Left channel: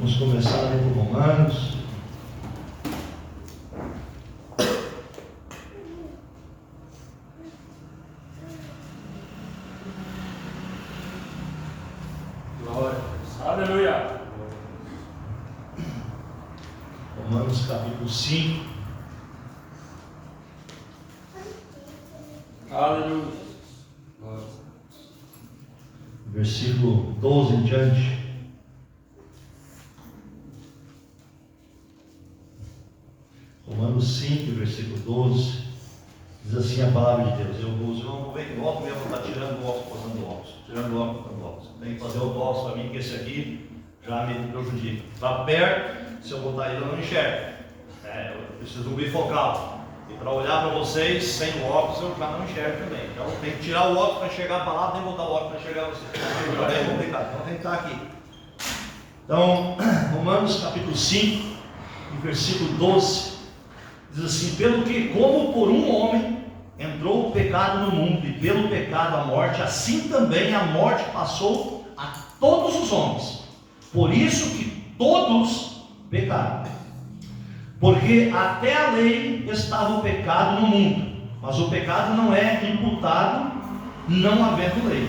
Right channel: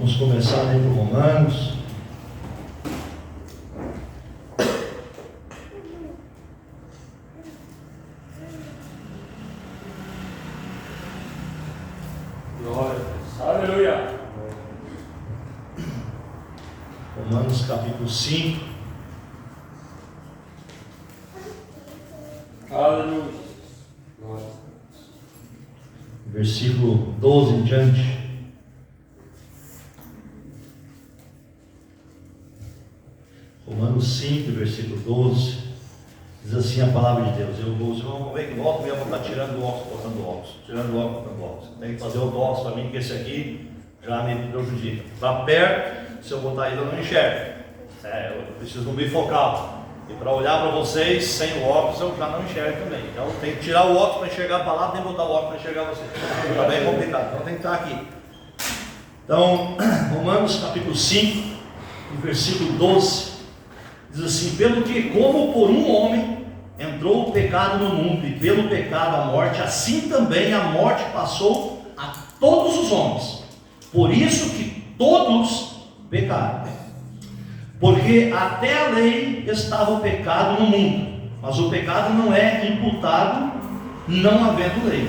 Vamos começar ali por Romanos. Glória. Aleluia. Romanos capítulo 5. Aleluia. Versículo 12 em diante. Romanos 5, versículo 12, diz assim a palavra de Deus. Vamos ver que o óculos mesmo está tirando o óculos, botando o óculos, tirando o óculos, botando o óculos. Tem que fazer o dócil para mim, que esse aqui já me prejudica. Está perto, se eu botar ele eu não enxergo. Eu preciso de um bifocal. E para olhar para vocês sem o óculos eu já não enxergo também. Então tem que tirar o óculos para enxergar a palavra, tem que botar o óculos para enxergar vocês. Está bem complicado, então tem que estar aqui. Então, Romanos capítulo 5, versículo 12. Diz assim: pelo que como por um homem entrou o pecado no mundo, e pelo pecado a morte, assim também a morte passou a todos os homens. Por isso que todos pecaram. Porque até a lei estava o pecado no mundo, mas o pecado não é imputado não havendo lei.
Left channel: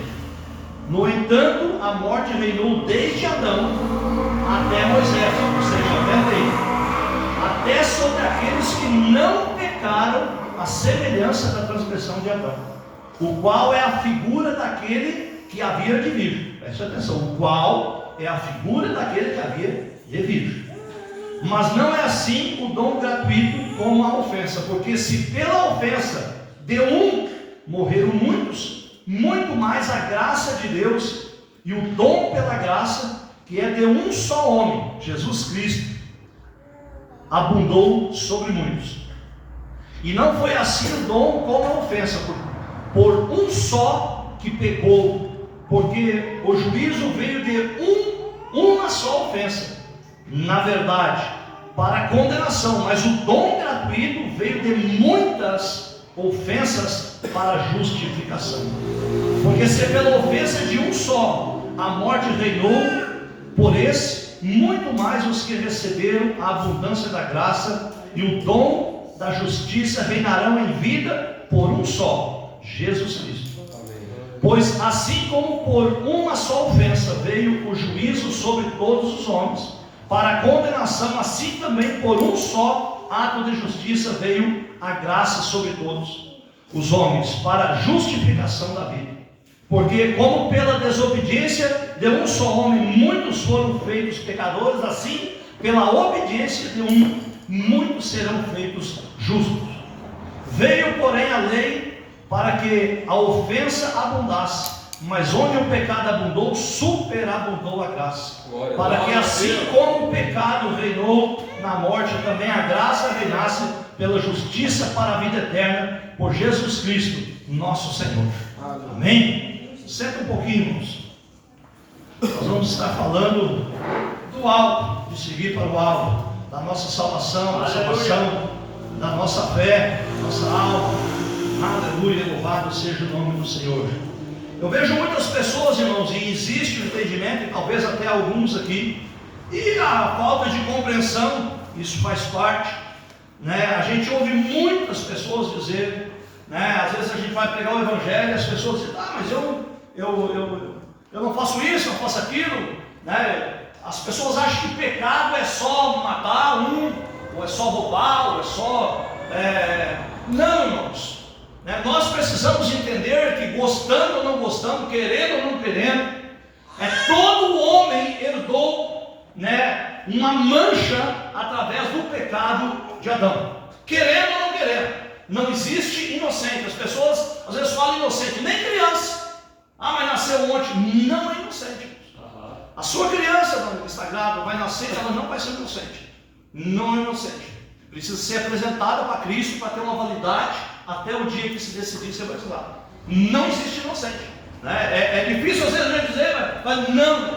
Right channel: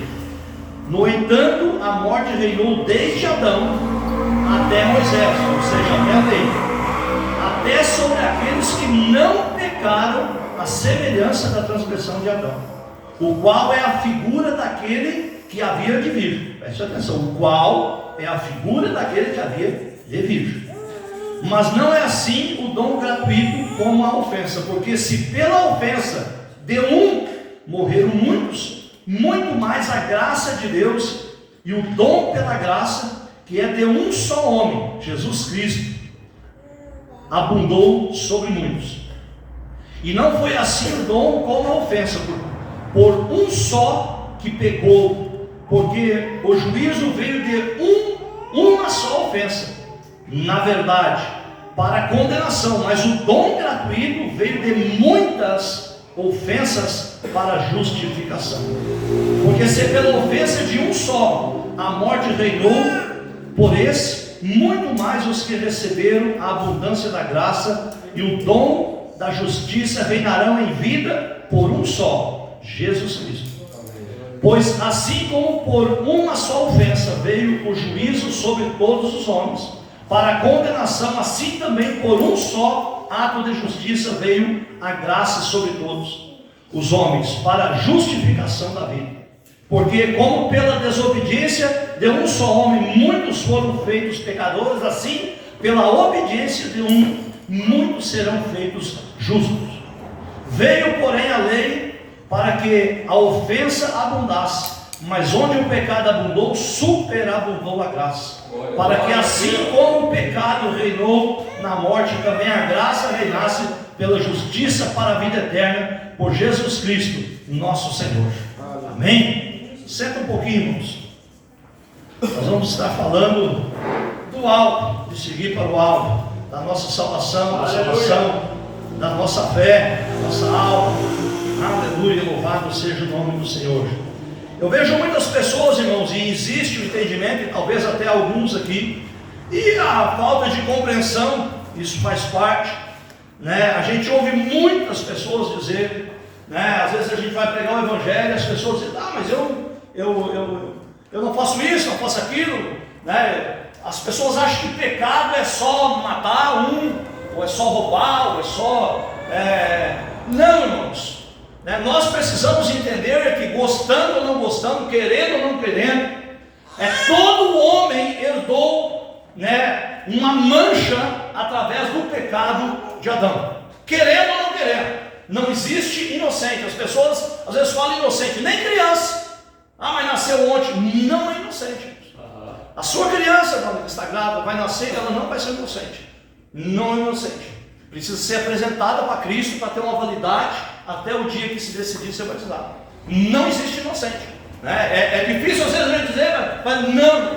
No entanto, a morte reinou desde Adão até Moisés, ou seja, até a lei, até sobre aqueles que não pecaram, a semelhança da transgressão de Adão, o qual é a figura daquele que havia de vir. Preste atenção, o qual é a figura daquele que havia de vir. Mas não é assim o dom gratuito como a ofensa, porque se pela ofensa de um morreram muitos, muito mais a graça de Deus e o dom pela graça, que é de um só homem, Jesus Cristo, abundou sobre muitos. E não foi assim o dom como a ofensa, por um só que pecou, porque o juízo veio de uma só ofensa, na verdade, para condenação, mas o dom gratuito veio de muitas ofensas para justificação. Porque se pela ofensa de um só a morte reinou, por esse, muito mais os que receberam a abundância da graça e o dom da justiça reinarão em vida por um só, Jesus Cristo. Pois assim como por uma só ofensa veio o juízo sobre todos os homens, para a condenação, assim também por um só ato de justiça veio a graça sobre todos os homens, para a justificação da vida. Porque como pela desobediência de um só homem muitos foram feitos pecadores, assim pela obediência de um muitos serão feitos justos. Veio porém a lei para que a ofensa abundasse, mas onde o pecado abundou, superabundou a graça, para que assim como o pecado reinou na morte, também a graça reinasse pela justiça para a vida eterna, por Jesus Cristo, nosso Senhor. Amém? Senta um pouquinho, irmãos. Nós vamos estar falando do alvo, de seguir para o alvo, da nossa salvação, da salvação, da nossa fé, da nossa alma. Aleluia, louvado seja o nome do Senhor. Eu vejo muitas pessoas, irmãos, e existe o entendimento, e talvez até alguns aqui, e a falta de compreensão, isso faz parte, né? A gente ouve muitas pessoas dizer, né? Às vezes a gente vai pregar o evangelho e as pessoas dizem: ah, mas eu não faço isso, não faço aquilo, né? As pessoas acham que pecado é só matar ou é só roubar, ou é só... Não, irmãos. Nós precisamos entender que, gostando ou não gostando, querendo ou não querendo, todo homem herdou, né, uma mancha através do pecado de Adão, querendo ou não querendo. Não existe inocente. As pessoas às vezes falam inocente, nem criança. Ah, mas nasceu ontem. Não é inocente. A sua criança que está grávida vai nascer, ela não vai ser inocente. Não é inocente. Precisa ser apresentada para Cristo para ter uma validade até o dia que se decidir ser batizado. Não existe inocente, né? É difícil às vezes a gente dizer, mas não.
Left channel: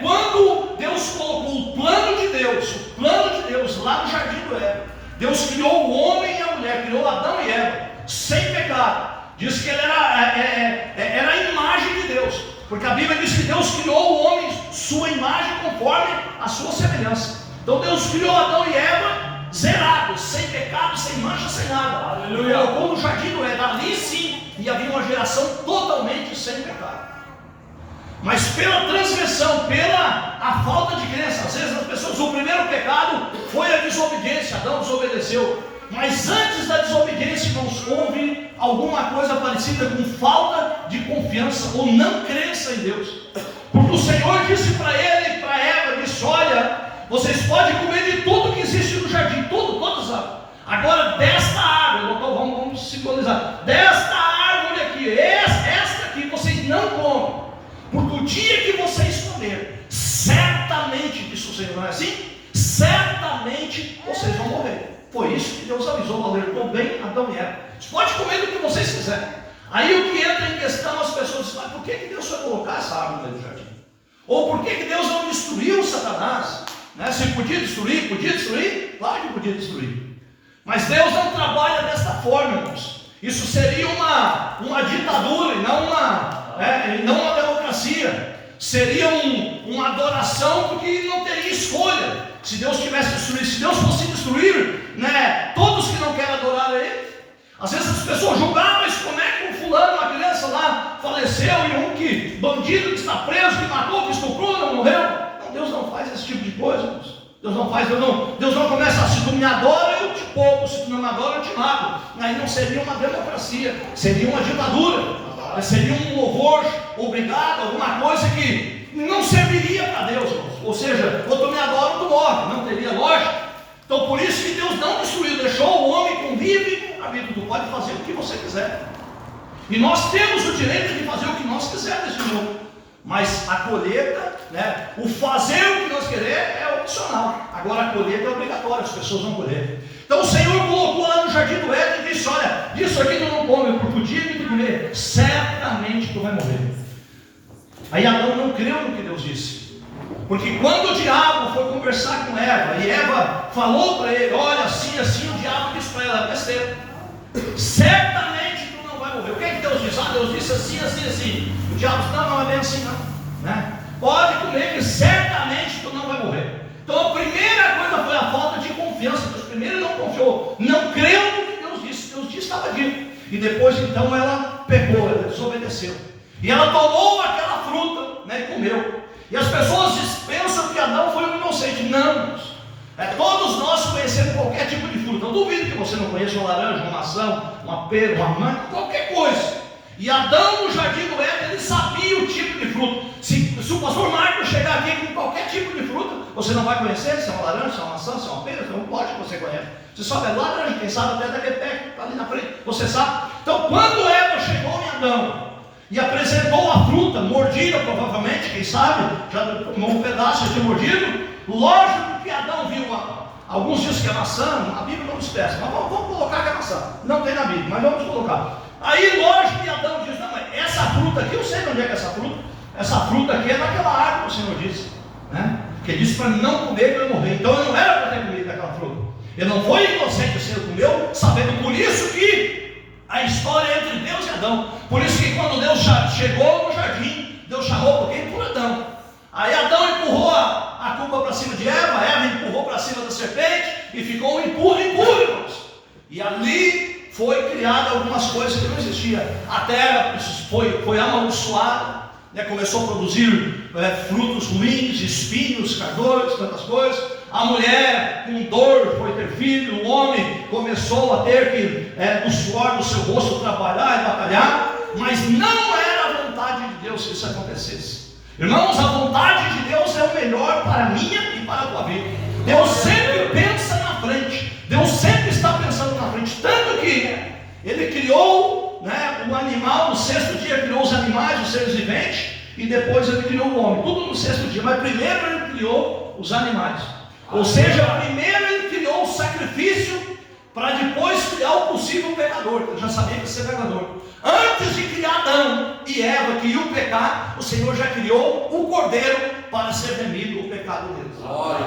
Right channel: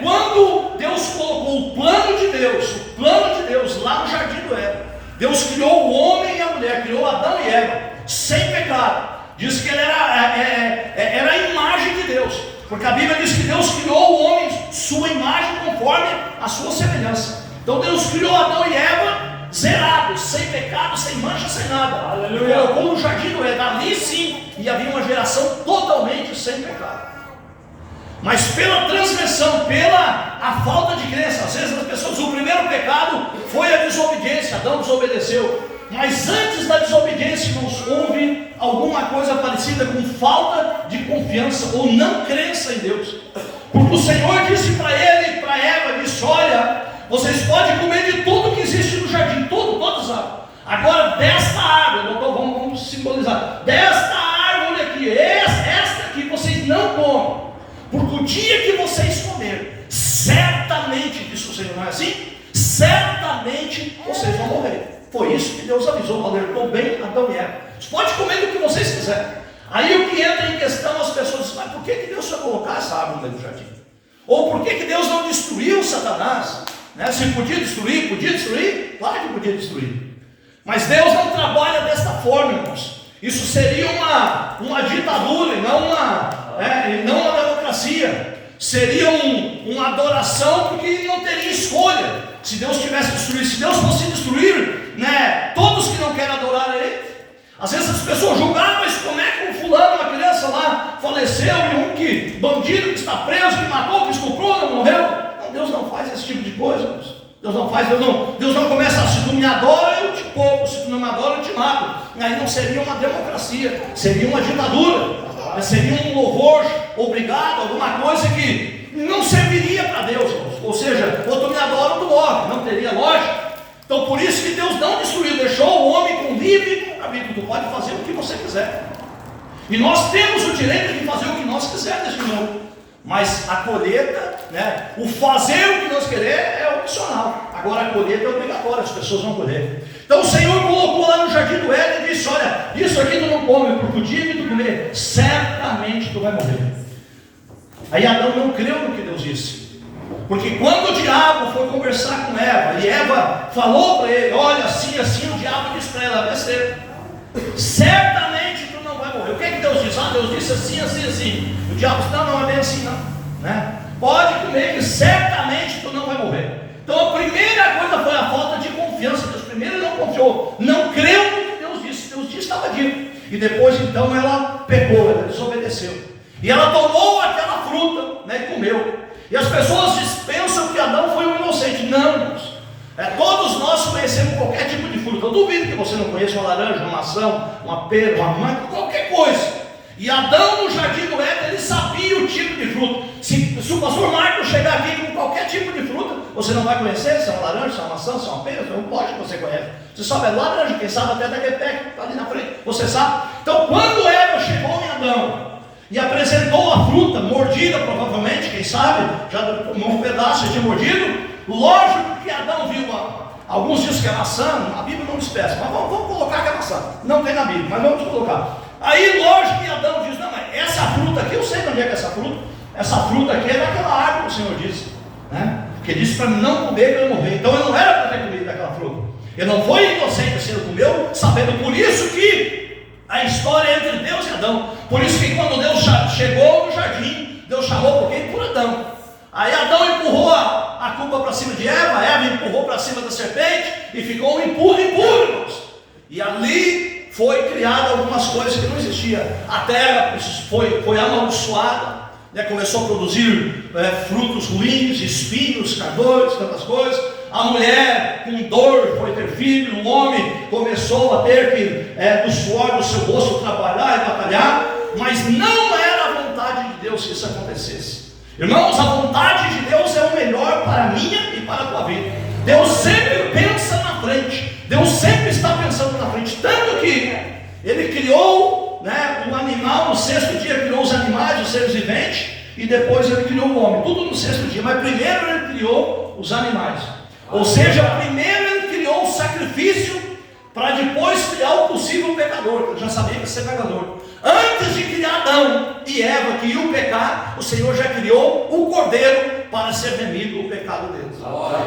Quando Deus colocou o plano de Deus lá no jardim do Éden, Deus criou o homem e a mulher, criou Adão e Eva sem pecado. Diz que ele era a imagem de Deus, porque a Bíblia diz que Deus criou o homem sua imagem conforme a sua semelhança. Então Deus criou Adão e Eva zerados, sem pecado, sem mancha, sem nada. Aleluia. E colocou no jardim do Éden. Ali sim, e havia uma geração totalmente sem pecado. Mas pela transgressão, pela a falta de crença, às vezes as pessoas, o primeiro pecado foi a desobediência. Adão desobedeceu. Mas antes da desobediência, irmãos, houve alguma coisa parecida com falta de confiança ou não crença em Deus. Porque o Senhor disse para ele e para Eva, disse: olha, vocês podem comer de tudo que existe no jardim, todas as árvores. Agora desta árvore, vamos simbolizar, desta árvore aqui, esta aqui vocês não comem, porque o dia que vocês comerem, certamente, disse o Senhor, não é assim? Certamente vocês vão morrer. Foi isso que Deus avisou, alertou bem Adão e Eva. Vocês podem comer do que vocês quiserem. Aí o que entra em questão, as pessoas dizem: mas por que Deus foi colocar essa árvore no jardim? Ou por que Deus não destruiu Satanás? Né? Se podia destruir? Claro que podia destruir. Mas Deus não trabalha desta forma, irmãos. Isso seria uma ditadura e não uma democracia. Seria uma adoração, porque não teria escolha. Se Deus tivesse destruído, se Deus fosse destruir, né, todos que não querem adorar a Ele. Às vezes as pessoas julgaram: mas como é que um fulano, uma criança lá, faleceu, e bandido que está preso, que matou, que estuprou, não morreu? Não, Deus não faz esse tipo de coisa, irmãos. Deus não começa: se tu me adora, eu te poupo, se tu não me adora, eu te mato. Aí não seria uma democracia, seria uma ditadura, seria um louvor obrigado, alguma coisa que não serviria para Deus, irmãos. Ou seja, ou tu me adora ou tu morre, não teria lógica. Então por isso que Deus não destruiu, deixou o homem com livre arbítrio. Tu pode fazer o que você quiser, e nós temos o direito de fazer o que nós quisermos neste mundo. Mas a colheita, né, o fazer o que nós queremos é opcional. Agora a colheita é obrigatória, as pessoas vão colher. Então o Senhor colocou lá no jardim do Éden e disse: olha, disso aqui tu não come, porque o dia que tu comer, certamente tu vai morrer. Aí Adão não creu no que Deus disse, porque quando o diabo foi conversar com Eva, e Eva falou para ele: olha, assim, o diabo disse para ela: vai ser, certamente tu não vai morrer. O que é que Deus disse? Deus disse assim. O diabo disse: não é bem assim, não, né? Pode comer, que certamente tu não vai morrer. Então a primeira coisa foi a falta de confiança. Deus primeiro não confiou, não creu no que Deus disse. Deus disse, estava dito. E depois então ela pecou, ela desobedeceu. E ela tomou aquela fruta, né, e comeu. E as pessoas pensam que Adão foi um inocente. Não, irmãos. Todos nós conhecemos qualquer tipo de fruta. Eu duvido que você não conheça uma laranja, uma maçã, uma pera, uma manga, qualquer coisa. E Adão no jardim do Éden, ele sabia o tipo de fruta. Se o pastor Marcos chegar aqui com qualquer tipo de fruta, você não vai conhecer se é uma laranja, se é uma maçã, se é uma pera. Então pode que você conhece. Você sabe, é laranja, quem sabe até daquele pé que está ali na frente. Você sabe. Então quando Eva chegou em Adão e apresentou a fruta, mordida provavelmente, quem sabe, já tomou um pedaço, já tinha mordido. Lógico que Adão viu alguns dizem que é maçã, a Bíblia não expressa, mas vamos colocar que é maçã. Não tem na Bíblia, mas vamos colocar. Aí lógico que Adão diz: não, mas essa fruta aqui, eu sei de onde é que é essa fruta. Essa fruta aqui é daquela árvore que o Senhor disse, né? Que disse para não comer, para eu morrer. Então eu não era para ter comido daquela fruta. Ele não foi inocente, o Senhor comeu, sabendo. Por isso que a história é entre Deus e Adão. Por isso que quando Deus chegou no jardim, Deus chamou por quem? Por Adão. Aí Adão empurrou a culpa para cima de Eva, Eva empurrou para cima da serpente, e ficou um empurro, irmãos. E ali foi criada algumas coisas que não existiam. A terra foi amaldiçoada, né? Começou a produzir frutos ruins, espinhos, cardores, tantas coisas. A mulher com dor foi ter filho, o homem começou a ter que do suor do seu rosto trabalhar e batalhar, mas não era a vontade de Deus que isso acontecesse. Irmãos, a vontade de Deus é o melhor para a minha e para a tua vida. Deus sempre pensa na frente, Deus sempre está pensando na frente, tanto que Ele criou, né, o animal, no sexto dia criou os animais, os seres viventes, e depois Ele criou o homem, tudo no sexto dia, mas primeiro Ele criou os animais. Ou seja, primeiro Ele criou o sacrifício, para depois criar o possível pecador, que Ele já sabia que ia ser pecador. Antes de criar Adão e Eva, que iam pecar, o Senhor já criou o cordeiro para ser remido o pecado deles.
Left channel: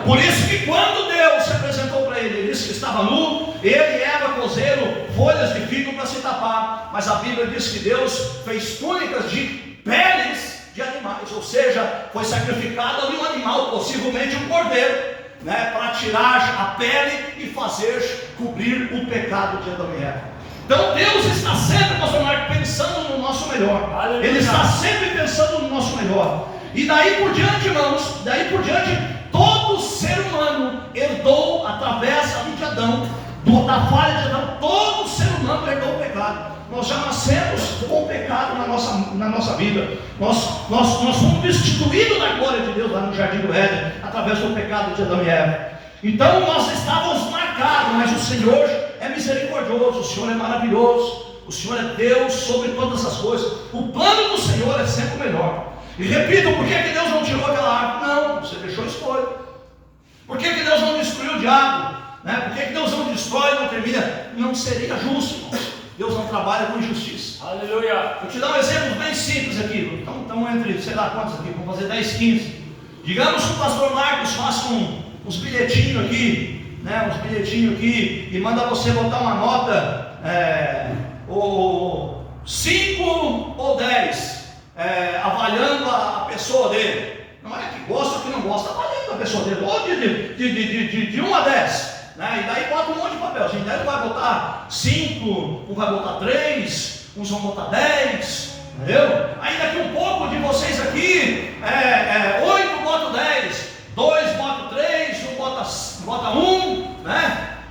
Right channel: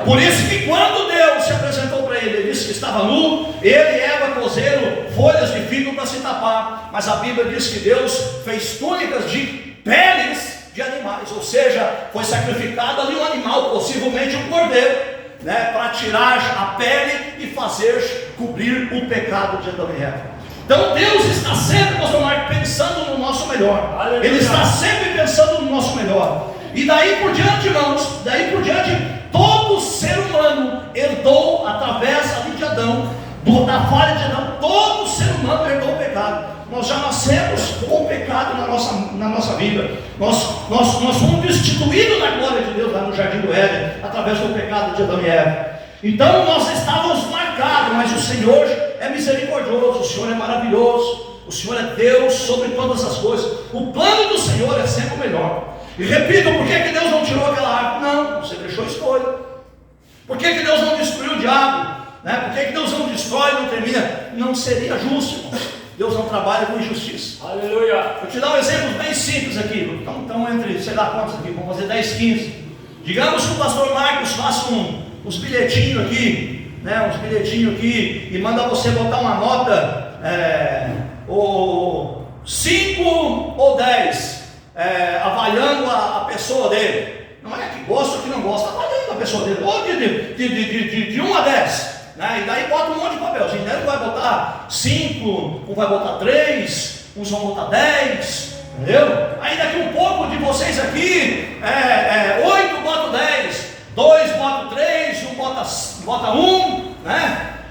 Por isso que quando Deus se apresentou para ele, ele disse que estava nu, ele e Eva cozeram folhas de figo para se tapar. Mas a Bíblia diz que Deus fez túnicas de peles de animais, ou seja, foi sacrificado ali um animal, possivelmente um cordeiro, né, para tirar a pele e fazer cobrir o pecado de Adão e Eva. Então Deus está sempre, pastor Marcos, pensando no nosso melhor. Aleluia. Ele está sempre pensando no nosso melhor. E daí por diante, irmãos, todo ser humano herdou, através ali de Adão, da falha de Adão, todo ser humano herdou o pecado. Nós já nascemos com o pecado na nossa vida. Nós fomos destituídos da glória de Deus lá no Jardim do Éden, através do pecado de Adão e Eva. Então nós estávamos marcados, mas o Senhor é misericordioso, o Senhor é maravilhoso, o Senhor é Deus sobre todas as coisas. O plano do Senhor é sempre o melhor. E repito, por que Deus não tirou aquela árvore? Não, você deixou escolha. Por que Deus não destruiu o diabo? Por que Deus não destrói, não termina? Não seria justo, irmão. Deus não trabalha com injustiça. Aleluia. Vou te dar um exemplo bem simples aqui. Então entre, sei lá quantos aqui, vamos fazer 10, 15. Digamos que o pastor Marcos faça uns bilhetinhos aqui, uns bilhetinhos aqui, e manda você botar uma nota, ou 5 ou 10, avaliando a pessoa dele. Não é que gosta ou que não gosta, avaliando a pessoa dele, ou de 1 a 10. E daí bota um monte de papelzinho. Daí vai botar 5, um vai botar 3, uns vão botar 10, entendeu? Aí daqui um pouco de vocês aqui, 8 bota 10, 2 bota 3, um bota 1,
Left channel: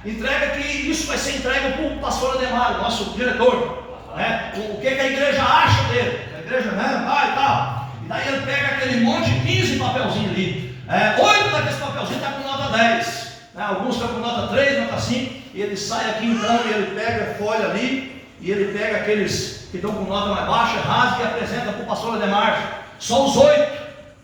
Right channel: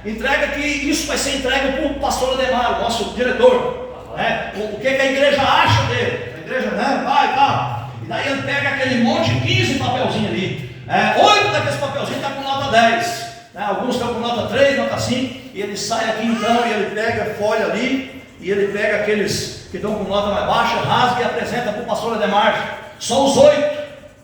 entrega, que isso vai ser entregue para o pastor Ademar, nosso diretor. O que a igreja acha dele? A igreja, vai e tal. E daí ele pega aquele monte de 15 papelzinhos ali. 8 daqueles papelzinhos está com nota 10. Alguns estão com nota 3, nota 5, e ele sai aqui então, e ele pega a folha ali, e ele pega aqueles que estão com nota mais baixa, rasga e apresenta para o pastor Ademar. Só os 8,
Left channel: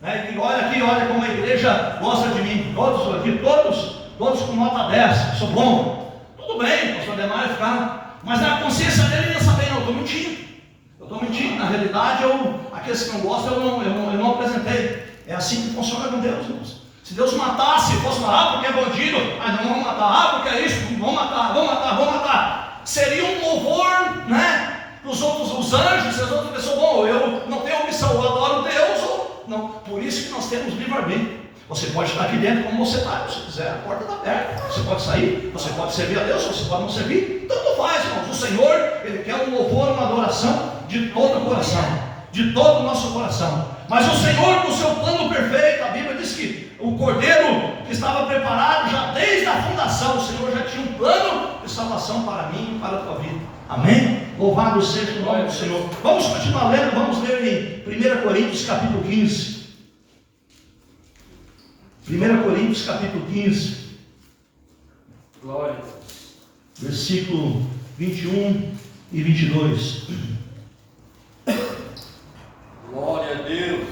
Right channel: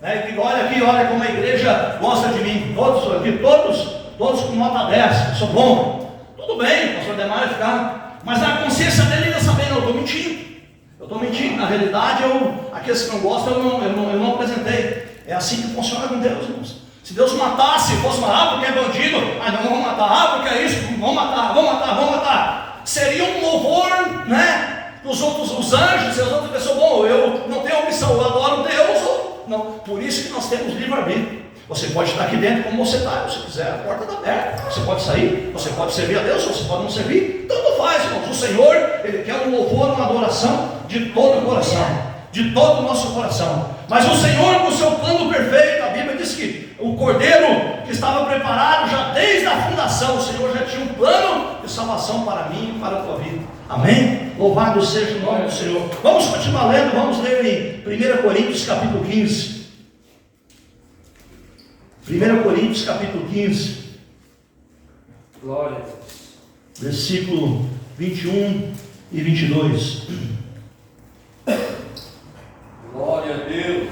e diga: olha aqui, olha como a igreja gosta de mim, todos aqui, todos com nota 10, sou bom. Tudo bem, o pastor Ademar vai ficar, mas na consciência dele ia saber: não, eu estou mentindo, na realidade, aqueles que não gostam, eu não apresentei. É assim que funciona com Deus, irmãos. Se Deus matasse, fosse matar porque é bandido, não vamos matar, porque é isso, vamos matar. Seria um louvor, para os outros, os anjos e as outras pessoas: bom, eu não tenho opção, eu adoro Deus, ou não. Por isso que nós temos livre-arbítrio. Você pode estar aqui dentro como você está, se você quiser, a porta está aberta. Você pode sair, você pode servir a Deus, você pode não servir, tanto faz, irmãos. O Senhor, Ele quer um louvor, uma adoração de todo o coração, de todo o nosso coração. Mas o Senhor, com o seu plano perfeito, a Bíblia diz que o cordeiro que estava preparado já desde a fundação, o Senhor já tinha um plano de salvação para mim e para a tua vida. Amém? Louvado seja o nome do Senhor. Vamos continuar lendo, vamos ler em 1 Coríntios capítulo 15. 1 Coríntios capítulo 15. Glória a Deus. Versículo 21 e 22. Glória a Deus.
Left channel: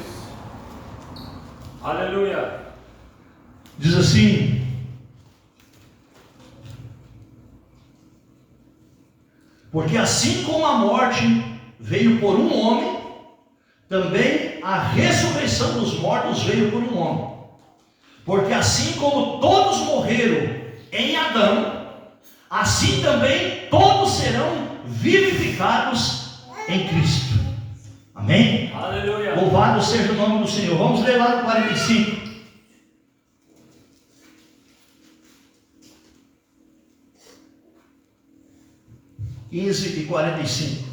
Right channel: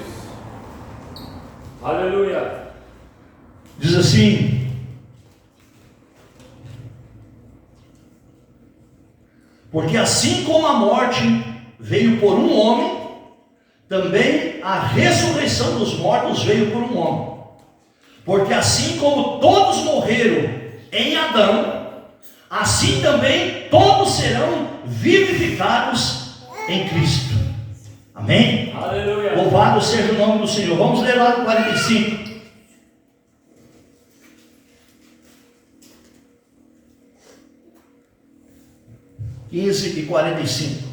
Aleluia. Diz assim: porque assim como a morte veio por um homem, também a ressurreição dos mortos veio por um homem. Porque assim como todos morreram em Adão, assim também todos serão vivificados em Cristo. Amém? Aleluia. Louvado seja o nome do Senhor. Vamos ler lá no 45. e 45.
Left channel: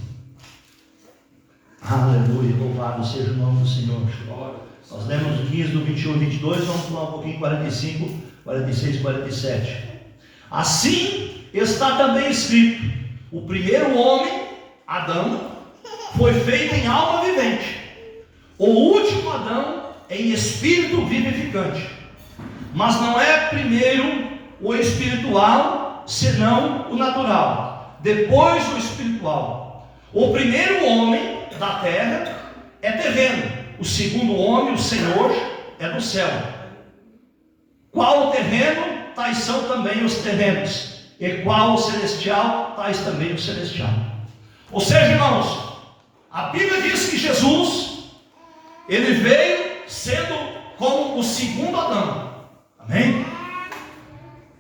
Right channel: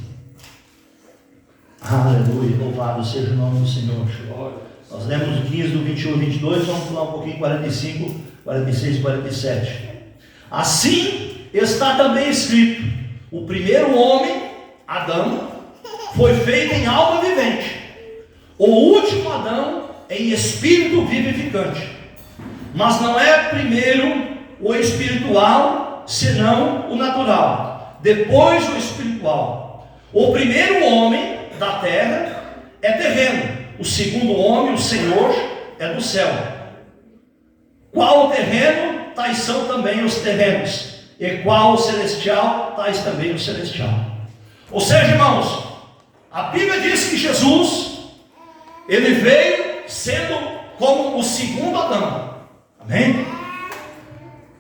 Aleluia, louvado seja o nome do Senhor. Nós lemos o 15 do 21 e 22, vamos pular um pouquinho 45, 46 e 47. Assim está também escrito: o primeiro homem, Adão, foi feito em alma vivente, o último Adão em espírito vivificante. Mas não é primeiro o espiritual, senão o natural, depois o espiritual. O primeiro homem da terra é terreno, o segundo homem, o Senhor, é do céu. Qual o terreno, tais são também os terrenos, e qual o celestial, tais também o celestial. Ou seja, irmãos, a Bíblia diz que Jesus, ele veio sendo como o segundo Adão. Amém?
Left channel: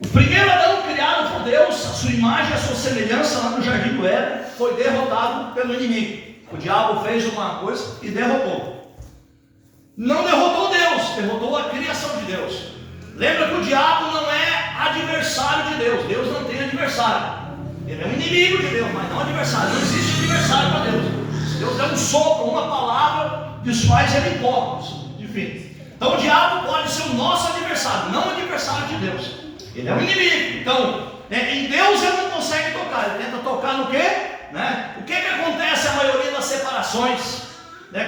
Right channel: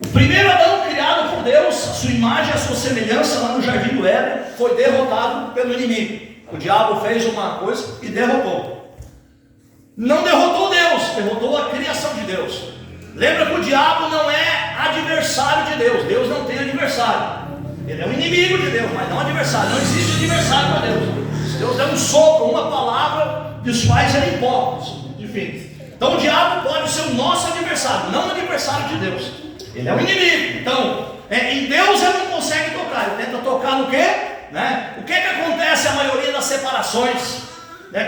O primeiro Adão criado por Deus, a sua imagem, a sua semelhança lá no Jardim do Éden, foi derrotado pelo inimigo. O diabo fez uma coisa e derrotou. não derrotou Deus, derrotou a criação de Deus. Lembra que o diabo não é adversário de Deus. Deus não tem adversário. Ele é um inimigo de Deus, mas não adversário. Não existe adversário para Deus. Se Deus der um sopro, uma palavra, desfaz ele em pó. Enfim. Então o diabo pode ser o nosso adversário, não adversário de Deus. Ele é um inimigo. Então, em Deus ele não consegue tocar. Ele tenta tocar no quê? O que acontece a maioria das separações?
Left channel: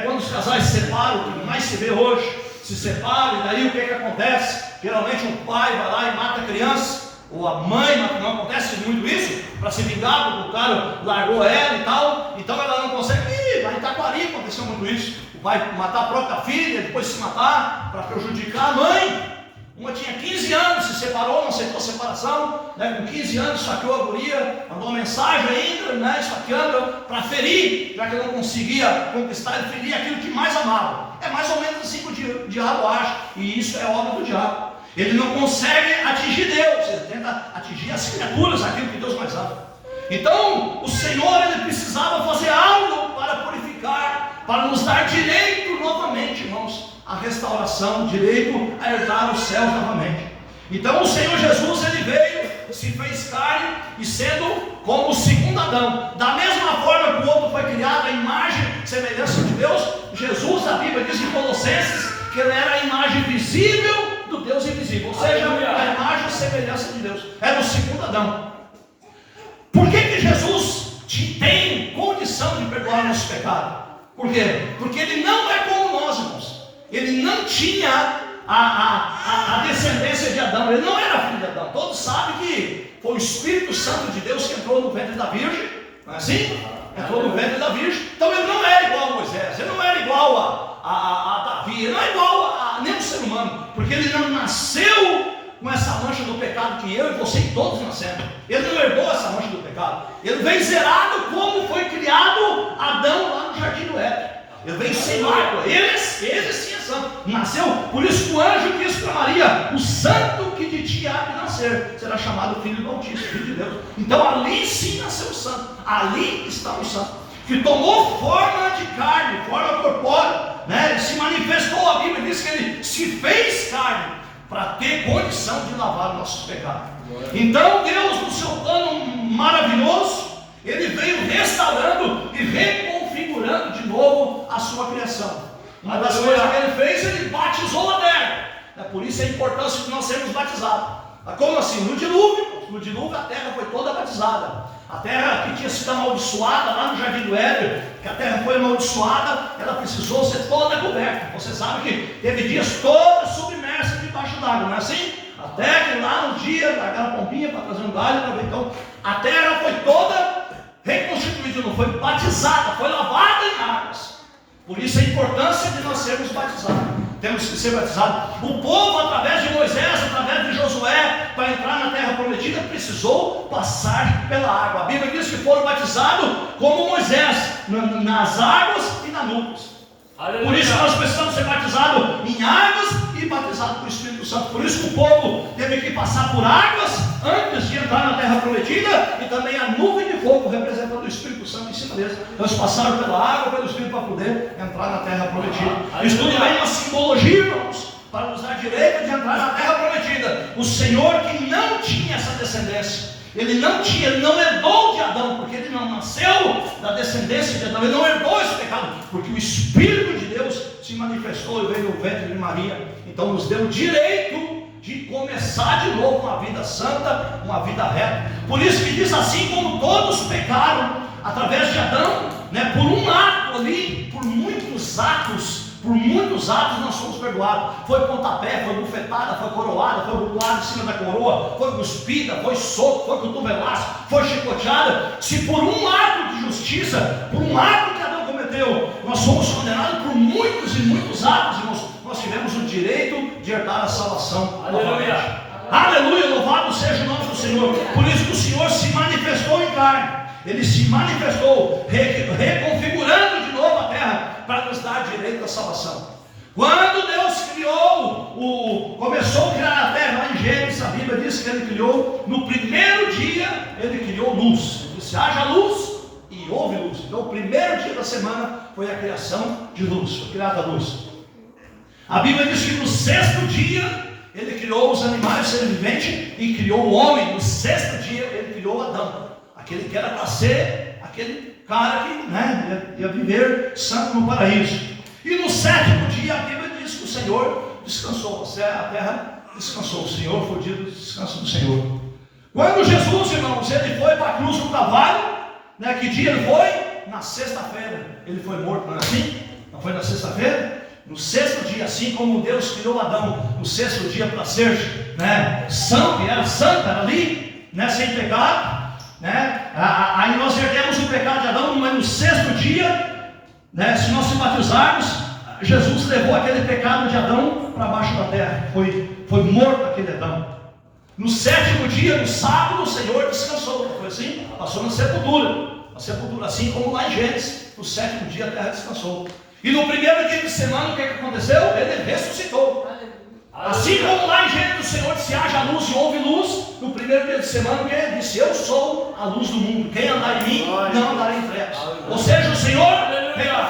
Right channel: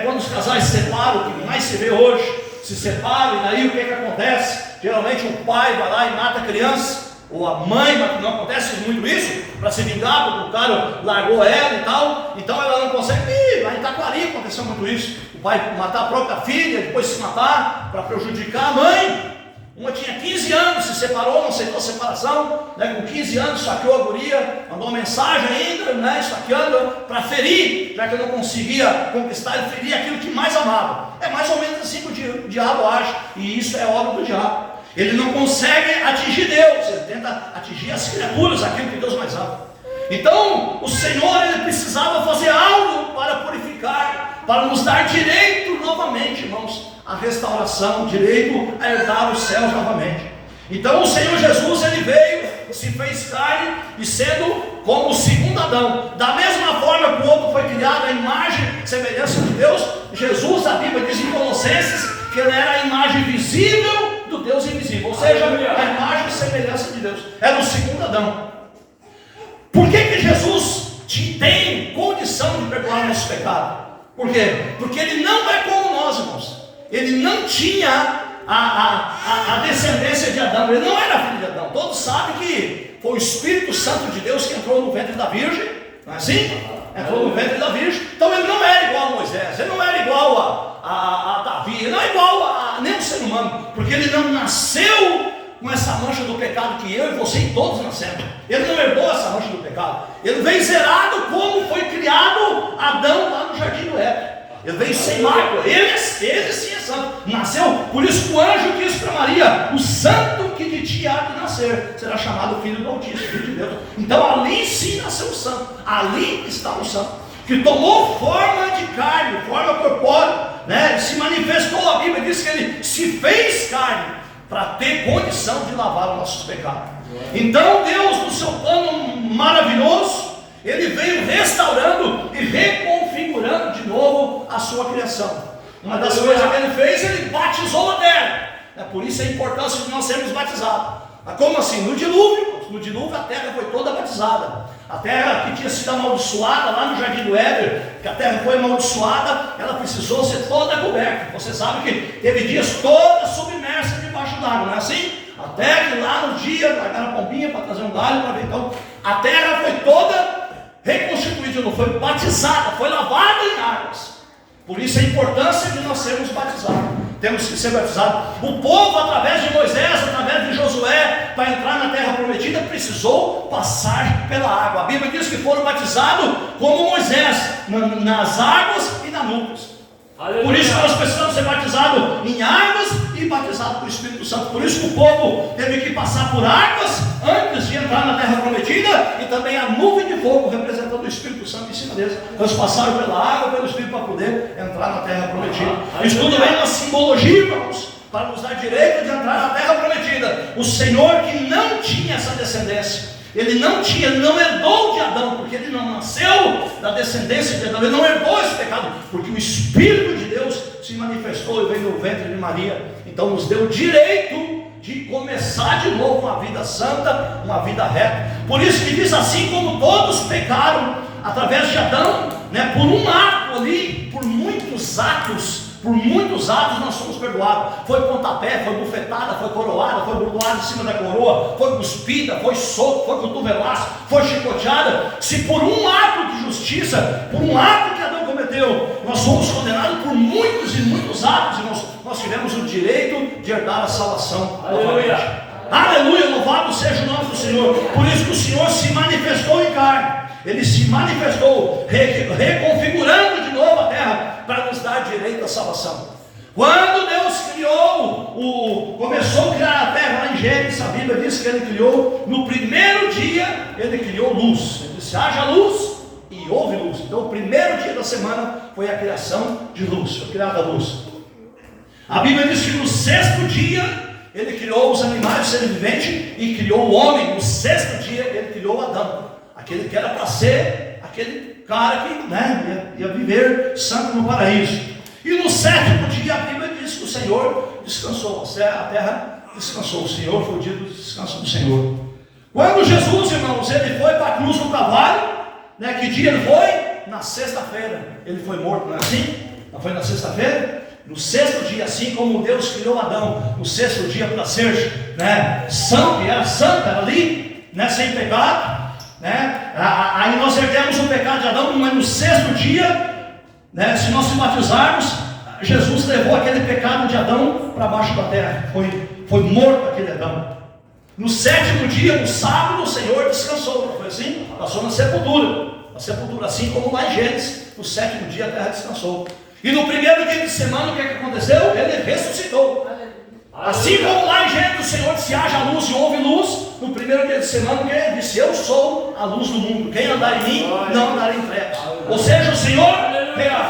Quando os casais se separam, o que mais se vê hoje, se separam, e daí o que acontece? Geralmente o pai vai lá e mata a criança, ou a mãe, mas não acontece muito isso, para se vingar, porque o cara largou ela e tal, então ela não consegue. Lá em Taquari aconteceu muito isso, o pai matar a própria filha, depois se matar, para prejudicar a mãe. Uma tinha 15 anos, se separou, não aceitou a separação, com 15 anos saqueou a guria, mandou uma mensagem ainda, esfaqueando para ferir, já que não conseguia conquistar, ele feria aquilo que mais amava. É mais ou menos assim que o diabo age, e isso é obra do diabo. Ele não consegue atingir Deus, ele tenta atingir as criaturas, aquilo que Deus mais ama. Então o Senhor, ele precisava fazer algo para purificar, para nos dar direito novamente, irmãos, a restauração, o direito a herdar os céus novamente. Então o Senhor Jesus, ele veio, se fez carne, e sendo como o segundo Adão, da mesma forma que o outro foi criado à imagem e semelhança de Deus, Jesus, a Bíblia diz em Colossenses, que ele era a imagem visível do Deus invisível, ou seja, a imagem e semelhança de Deus, era o segundo Adão. Por que Jesus tem condição de perdoar o nosso pecado? Por quê? Porque ele não é como nós, irmãos. Ele não tinha a descendência de Adão, ele não era filho de Adão. Todos sabem que foi o Espírito Santo de Deus que entrou no ventre da Virgem, não é assim? Entrou no ventre da Virgem. Então ele não era igual a Moisés, ele não era igual a Davi, ele não é igual a nenhum ser humano, porque ele não nasceu com essa mancha do pecado que eu e você e todos nascemos. Ele não herdou essa mancha do pecado. Ele veio zerado como foi criado Adão lá no jardim do Éden. Ele veio sem mácula. Ele sim é santo. Nasceu, por isso que o anjo disse para Maria: o santo que de ti há de nascer será chamado filho do Altíssimo, filho de Deus. Então ali sim nasceu o santo. Ali está o santo, que tomou forma de carne, forma corpórea, Ele se manifestou. A Bíblia diz que ele se fez carne para ter condição de lavar os nossos pecados. Então Deus, no seu plano maravilhoso, ele veio restaurando e reconfigurando de novo a sua criação. Uma das coisas que ele fez, ele batizou a terra. É por isso a importância de nós sermos batizados. Como assim? No dilúvio a terra foi toda batizada. A terra que tinha sido amaldiçoada lá no jardim do Éden, que a terra foi amaldiçoada, ela precisou ser toda coberta. Você sabe que teve dias toda submersa debaixo d'água, não é assim? Até que lá no dia, aquela pompinha para trazer um galho para ver. Então a terra foi toda reconstituída, não foi batizada, foi lavada em águas. Por isso a importância de nós sermos batizados. Temos que ser batizados. O povo, através de Moisés, através de Josué, para entrar na terra prometida, precisou passar pela água. A Bíblia diz que foram batizados como Moisés, nas águas e nas nuvens. Por isso que nós precisamos ser batizados em águas e batizados pelo Espírito Santo. Por isso que o povo teve que passar por águas antes de entrar na terra prometida, e também a nuvem de fogo representando o Espírito Santo em cima deles. Eles passaram pela água, pelo Espírito, para poder entrar na terra prometida. Isso tudo é uma simbologia, irmãos, para nos dar direito de entrar na terra prometida. O Senhor, que não tinha essa descendência, ele não herdou de Adão, porque ele não nasceu da descendência de Adão, ele não herdou esse pecado, porque o Espírito de Deus se manifestou e veio no ventre de Maria. Então nos deu o direito de começar de novo uma vida santa, uma vida reta. Por isso que diz assim: como todos pecaram através de Adão, por um ato ali, por muitos atos nós somos perdoados. Foi pontapé, foi bufetada, foi coroada, foi burdoada em cima da coroa, foi cuspida, foi soco, foi cotovelaço, foi chicoteada. Se por um ato de justiça, por um ato que Adão cometeu, nós somos condenados por muitos e muitos atos, irmãos, nós tivemos o direito de herdar a salvação. Aleluia! Aleluia! Louvado seja o nome do Senhor. Por isso que o Senhor se manifestou em carne. Ele se manifestou, reconfigurando de novo a terra, para nos dar direito à salvação. Quando Deus começou a criar a terra, lá em Gênesis, a Bíblia diz que ele criou, no primeiro dia, ele criou luz. Ele disse: haja luz, e houve luz. Então o primeiro dia da semana foi a criação de luz, foi criada a luz. A Bíblia diz que no sexto dia Ele criou os animais, seres viventes, e criou o homem. No sexto dia Ele criou Adão, aquele que era para ser aquele cara que, né, ia viver santo no paraíso. E no sétimo dia a Bíblia diz que o Senhor descansou, a terra descansou. O Senhor foi o dia do descanso do Senhor. Quando Jesus, irmãos, Ele foi para a cruz do Calvário, né, que dia Ele foi? Na sexta-feira. Ele foi morto, não é assim? Não foi na sexta-feira? No sexto dia, assim como Deus criou Adão no sexto dia para ser, né, santo, que era santo, era ali, né, sem pecado, né? Aí nós herdemos o pecado de Adão, mas no sexto dia, né, se nós se batizarmos, Jesus levou aquele pecado de Adão para baixo da terra, foi morto aquele Adão. No sétimo dia, no sábado, o Senhor descansou, foi assim? Passou na sepultura, assim como lá em Gênesis, no sétimo dia a terra descansou. E no primeiro dia de semana, o que aconteceu? Ele ressuscitou. Assim como lá em Gênesis o Senhor disse: haja luz e houve luz. No primeiro dia de semana, o que ele disse? Eu sou a luz do mundo. Quem andar em mim, não andará em trevas. Ou seja, o Senhor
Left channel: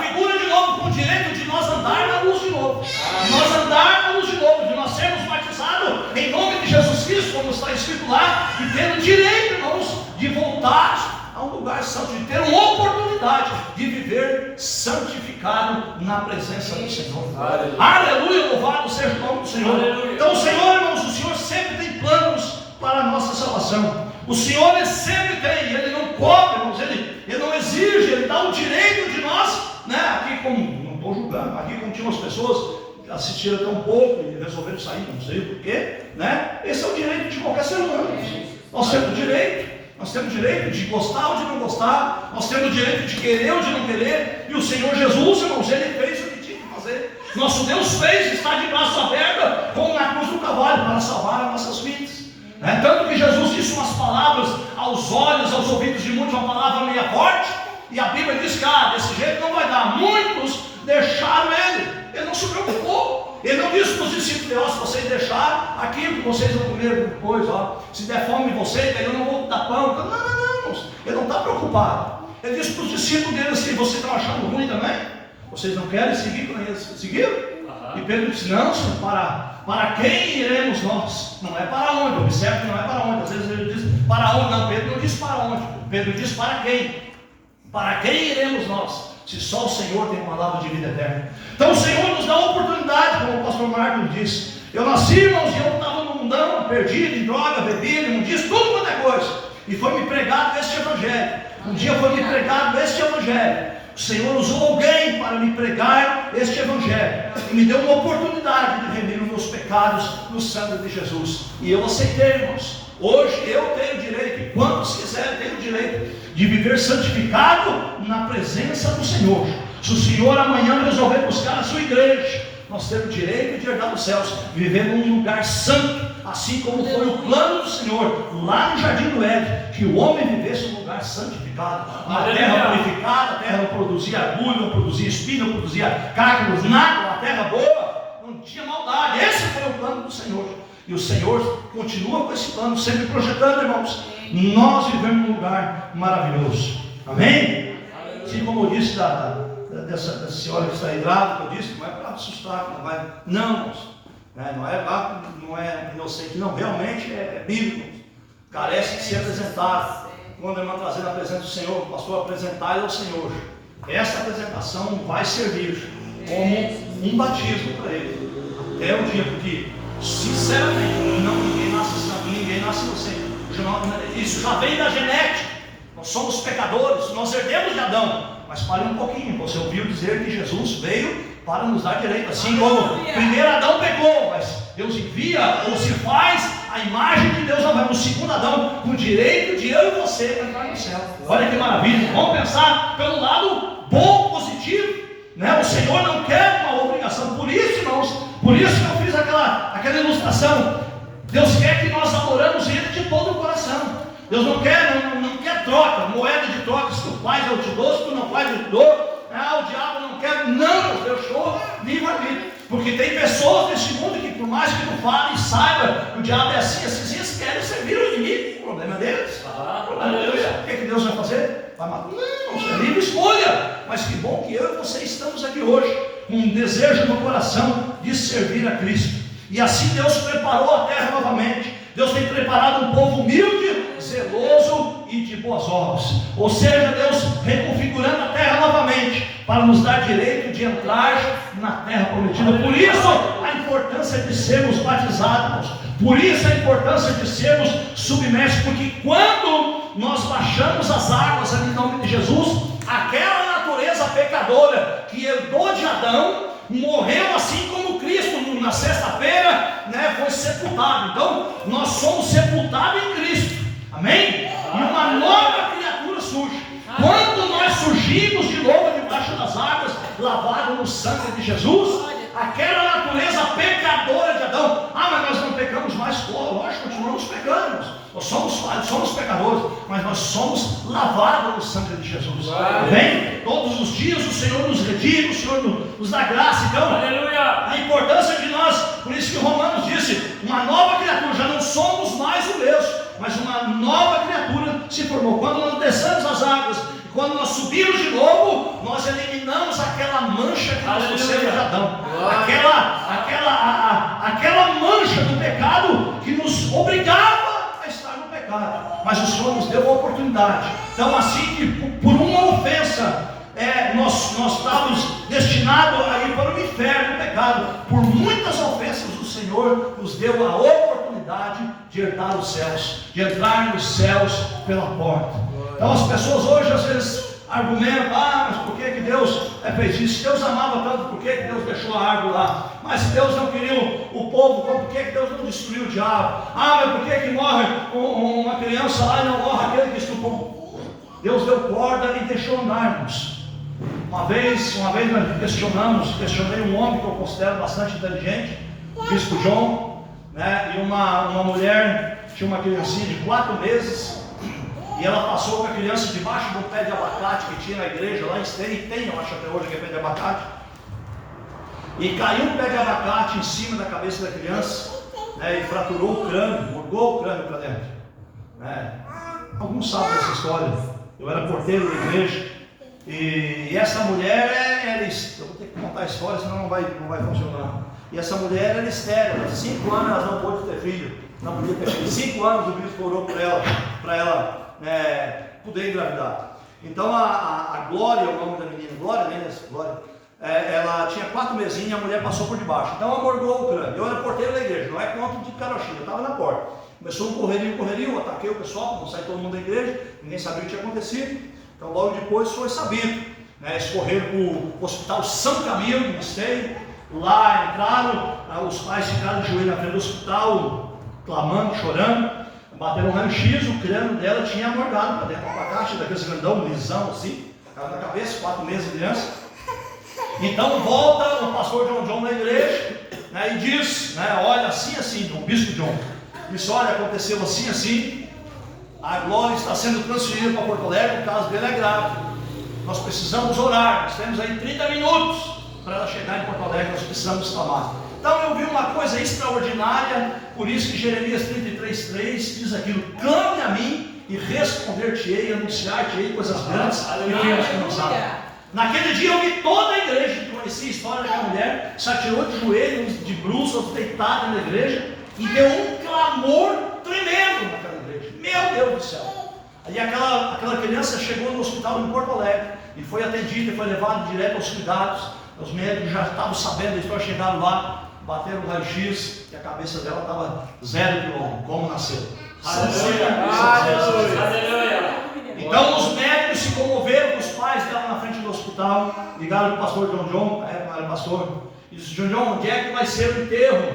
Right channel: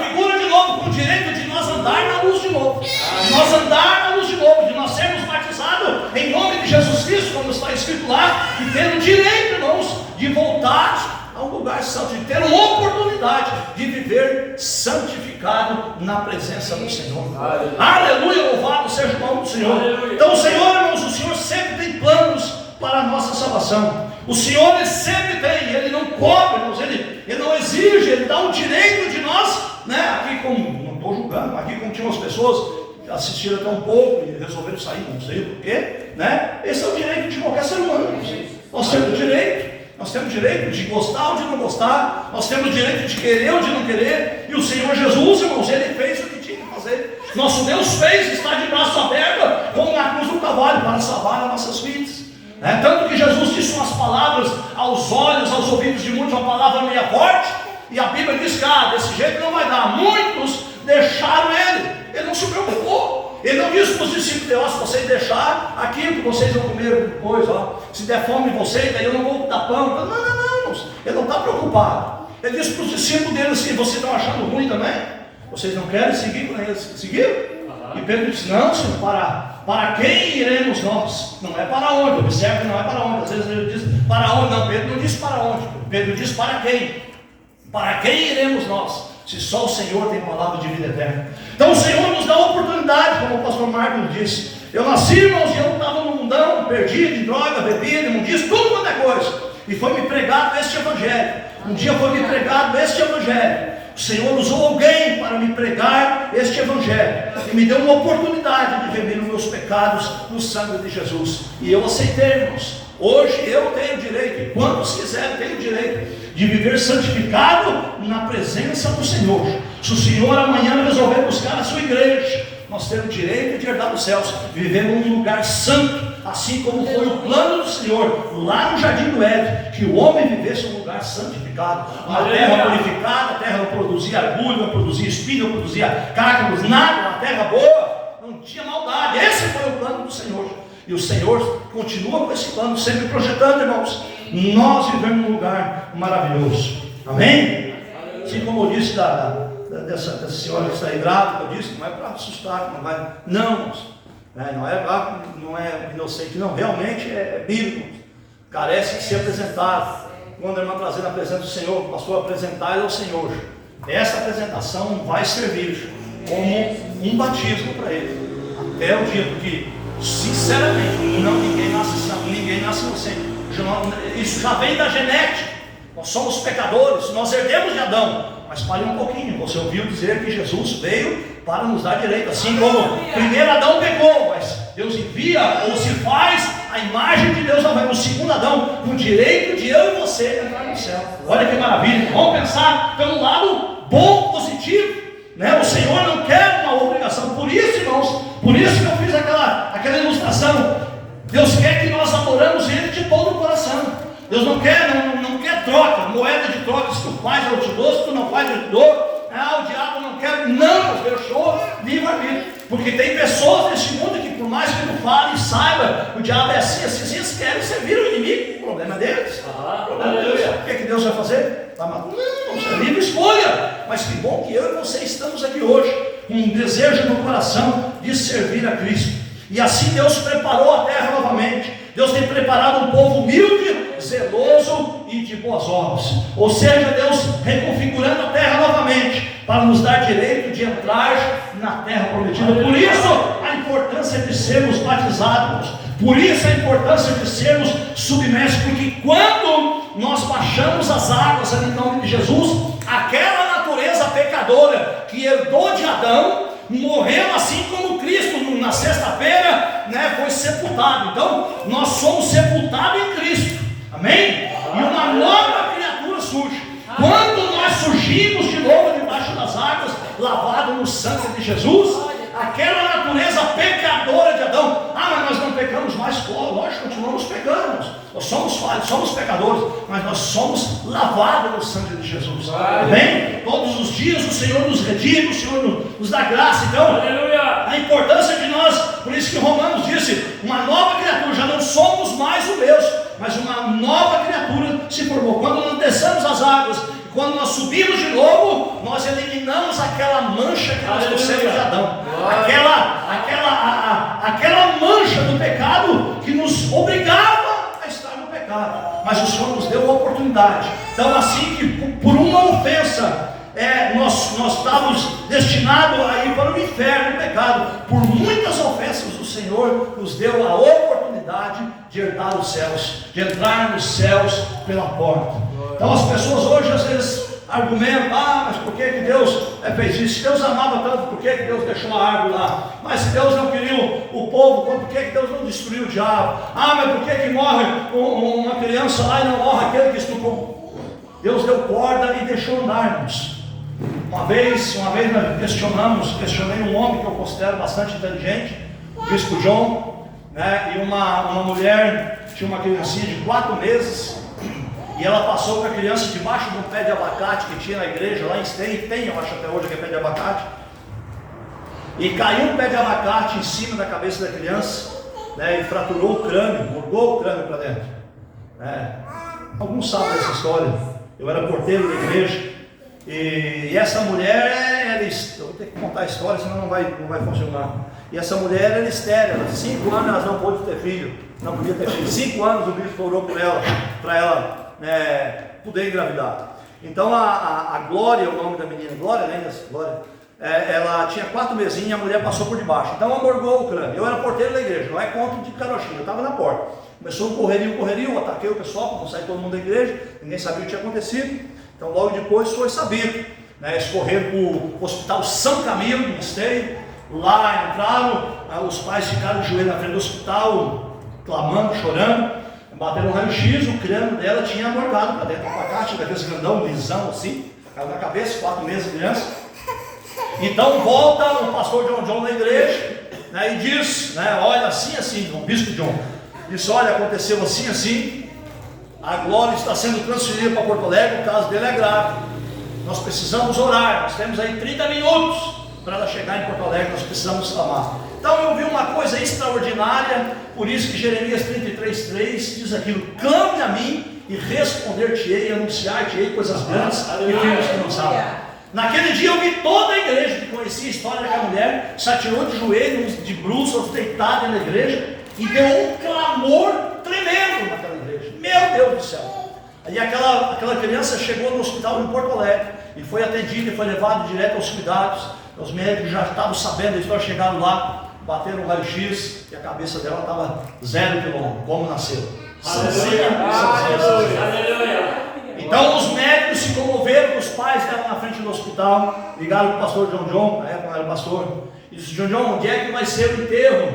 figura de novo com o direito de nós andar na luz de novo. De nós andar na luz de novo, de nós sermos batizados em nome de Jesus Cristo, como está escrito lá, e ter o direito, irmãos, de voltar a um lugar santo, de ter uma oportunidade de viver santificado na presença do Senhor. Aleluia, louvado seja o nome do Senhor. Então o Senhor, irmãos, o Senhor sempre tem planos para a nossa salvação. O Senhor, Ele sempre tem, Ele não cobra, irmãos, Ele não exige, Ele dá o direito de nós, né? Aqui como, não estou julgando, aqui como tinha umas pessoas que assistiram até um pouco e resolveram sair, não sei porquê, né? Esse é o direito de qualquer ser humano. Nós temos o direito. Nós temos o direito de gostar ou de não gostar. Nós temos o direito de querer ou de não querer. E o Senhor Jesus, irmãos, Ele fez o que tinha que fazer. Nosso Deus fez, está de braço aberto, como na cruz do Calvário, para salvar as nossas vidas. Tanto que Jesus disse umas palavras aos olhos, aos ouvidos de muitos, uma palavra meio forte. E a Bíblia diz que desse jeito não vai dar. Muitos deixaram Ele. Ele não se preocupou. Ele não disse para os discípulos de se vocês deixarem aquilo que vocês vão comer depois, se der fome em vocês, daí eu não vou dar pão. Não, irmãos. Ele não está preocupado. Ele disse para os discípulos dele assim: vocês estão achando ruim também? Vocês não querem seguir com eles? Seguiram? E Pedro disse: não, Senhor, para quem iremos nós? Não é para onde. Observe que não é para onde. Às vezes ele diz para onde. Não, Pedro não disse para onde. Pedro disse para quem? Para quem iremos nós? Se só o Senhor tem palavra de vida eterna. Então o Senhor nos dá a oportunidade, como o pastor Marcos disse. Eu nasci, irmãos, e eu estava no mundão, perdido em droga, bebida, imundícia, tudo quanto é coisa. E foi me pregado este evangelho. Um dia foi me pregado este evangelho. O Senhor usou alguém para me pregar este evangelho. E me deu uma oportunidade de remir os meus pecados no sangue de Jesus. E eu aceitei, irmãos. Hoje eu tenho direito, e quantos quiserem, tenho direito de viver santificado na presença do Senhor. Se o Senhor amanhã resolver buscar a sua igreja, nós temos direito de herdar os céus, vivendo em um lugar santo, assim como foi o plano do Senhor lá no Jardim do Éden, que o homem vivesse em um lugar santificado, uma terra purificada. A terra não produzia agulha, não produzia espinho, não produzia cárcamos, nada, uma terra boa, não tinha maldade. Esse foi o plano do Senhor. E o Senhor continua com esse plano, sempre projetando, irmãos, nós vivemos num lugar maravilhoso. Amém? Assim como eu disse dessa senhora que está aí grávida, eu disse, não é para assustar, não vai. Não, irmãos, não é inocente, não, realmente é bíblico. Carece de ser apresentado. Quando a irmã trazer na presença do Senhor, o pastor apresentar ele ao Senhor. Essa apresentação vai servir como um batismo para ele. Até o dia, porque sinceramente, ninguém nasce santo, ninguém nasce inocente. Isso já vem da genética. Nós somos pecadores, nós herdemos de Adão. Mas pare um pouquinho, você ouviu dizer que Jesus veio para nos dar direito. Assim como primeiro Adão pecou, mas Deus envia ou se faz a imagem de Deus no segundo Adão, com o direito de eu e você entrar no céu. Olha que maravilha. Vamos pensar pelo lado bom, positivo, né? O Senhor não quer uma obrigação. Por isso, irmãos, por isso que eu fiz aquela ilustração. Deus quer que nós adoramos Ele de todo o coração. Deus não quer troca, moeda de troca. Se tu faz eu te dou, se tu não faz eu te dou. O diabo não quer. Não, Deus show, livre-arbítrio. Porque tem pessoas nesse mundo que por mais que não fale e saiba, o diabo é assim, eles querem servir o inimigo. O problema é deles. O problema é Deus. O que é que Deus vai fazer? Vai matar? Não, é livre escolha. Mas que bom que eu e você estamos aqui hoje, com um desejo no coração de servir a Cristo. E assim Deus preparou a terra novamente. Deus tem preparado um povo humilde, zeloso e de boas obras. Ou seja, Deus reconfigurando a terra novamente, para nos dar direito de entrar na terra prometida. Por isso a importância de sermos batizados. Por isso a importância de sermos submersos. Porque quando nós baixamos as águas em nome de Jesus, aquela natureza pecadora que herdou de Adão, morrendo assim como Cristo na sexta-feira, foi sepultado. Então nós somos sepultados em Cristo, amém? E uma nova criatura surge. Quando nós surgimos de novo debaixo das águas, lavado no sangue de Jesus, aquela natureza pecadora de Adão, mas nós não pecamos mais, lógico, continuamos pecando, nós somos falhos, somos pecadores, mas nós somos lavados no sangue de Jesus, amém? Todos os dias o Senhor nos redime, o Senhor nos dá graça. Então, aleluia, a importância de nós, por isso que Romanos disse, uma nova criatura, já não somos mais o mesmo, mas uma nova criatura se formou. Quando nós descemos as águas, quando nós subimos de novo, nós eliminamos aquela mancha que nós trouxemos de Adão, aquela mancha do pecado que nos obrigava a estar no pecado, mas o Senhor nos deu uma oportunidade. Então, assim que por uma ofensa nós estávamos destinados a ir para o inferno, o pecado, por muitas ofensas o Senhor nos deu a oportunidade de herdar os céus, de entrar nos céus pela porta. Então as pessoas hoje às vezes argumentam, mas por que Deus fez isso? Se Deus amava tanto, por que Deus deixou a árvore lá? Mas se Deus não queria o povo, por que Deus não destruiu o diabo? Mas por que morre uma criança lá e não morre aquele que estuprou? Deus deu corda e deixou andarmos. Uma vez nós questionei um homem que eu considero bastante inteligente, o Bispo João, e uma mulher tinha uma criancinha de 4 meses, e ela passou com a criança debaixo de um pé de abacate que tinha na igreja, lá em Esteio, tem, eu acho até hoje que é pé de abacate, e caiu um pé de abacate em cima da cabeça da criança, e fraturou o crânio, mudou o crânio para dentro. Alguns sabem dessa história. Eu era porteiro da igreja, e essa mulher, eu vou ter que contar a história, senão não vai funcionar. E essa mulher era estéril, 5 anos ela não pôde ter filho, não podia ter filho. 5 anos o bispo orou por ela, para ela poder engravidar. Então a Glória, o nome da menina, Glória, Glória, ela tinha 4 mesinhos e a mulher passou por debaixo. Então amorgou o crânio. Eu era porteiro da igreja, não é contra de carochinha, eu estava na porta. Começou um correrio, eu ataquei o pessoal para não sair todo mundo da igreja, ninguém sabia o que tinha acontecido. Então logo depois foi sabido, eles correram para o hospital São Camilo, em Esteio. Lá entraram, os pais ficaram de joelho na frente do hospital, clamando, chorando, bateram um raio-x, o crânio dela tinha amorgado para dentro, abacate daqueles grandão, lisão assim, caiu na cabeça, 4 meses de criança. Então volta o pastor John na igreja, e diz, olha, assim, o bispo John, disse, olha, aconteceu assim, a Glória está sendo transferida para Porto Alegre, o caso dele é grave, nós precisamos orar, nós temos aí 30 minutos, para ela chegar em Porto Alegre, nós precisamos clamar. Então eu vi uma coisa extraordinária, por isso que Jeremias 33:3 diz aquilo, clame a mim e responder-te-ei, anunciar-te-ei coisas grandes e firmes que não sabem. Naquele dia eu vi toda a igreja que conhecia a história daquela mulher, se atirou de joelhos, de bruços, deitada na igreja, e deu um clamor tremendo naquela igreja. Meu Deus do céu! Aí aquela criança chegou no hospital em Porto Alegre, e foi atendida, e foi levado direto aos cuidados. Os médicos já estavam sabendo, eles chegaram lá, bateram o raio-x e a cabeça dela estava 0 quilômetro, como nasceu. Então os médicos se comoveram com os pais dela na frente do hospital, ligaram para o pastor John, na época era pastor, e disse, John, onde é que vai ser o enterro?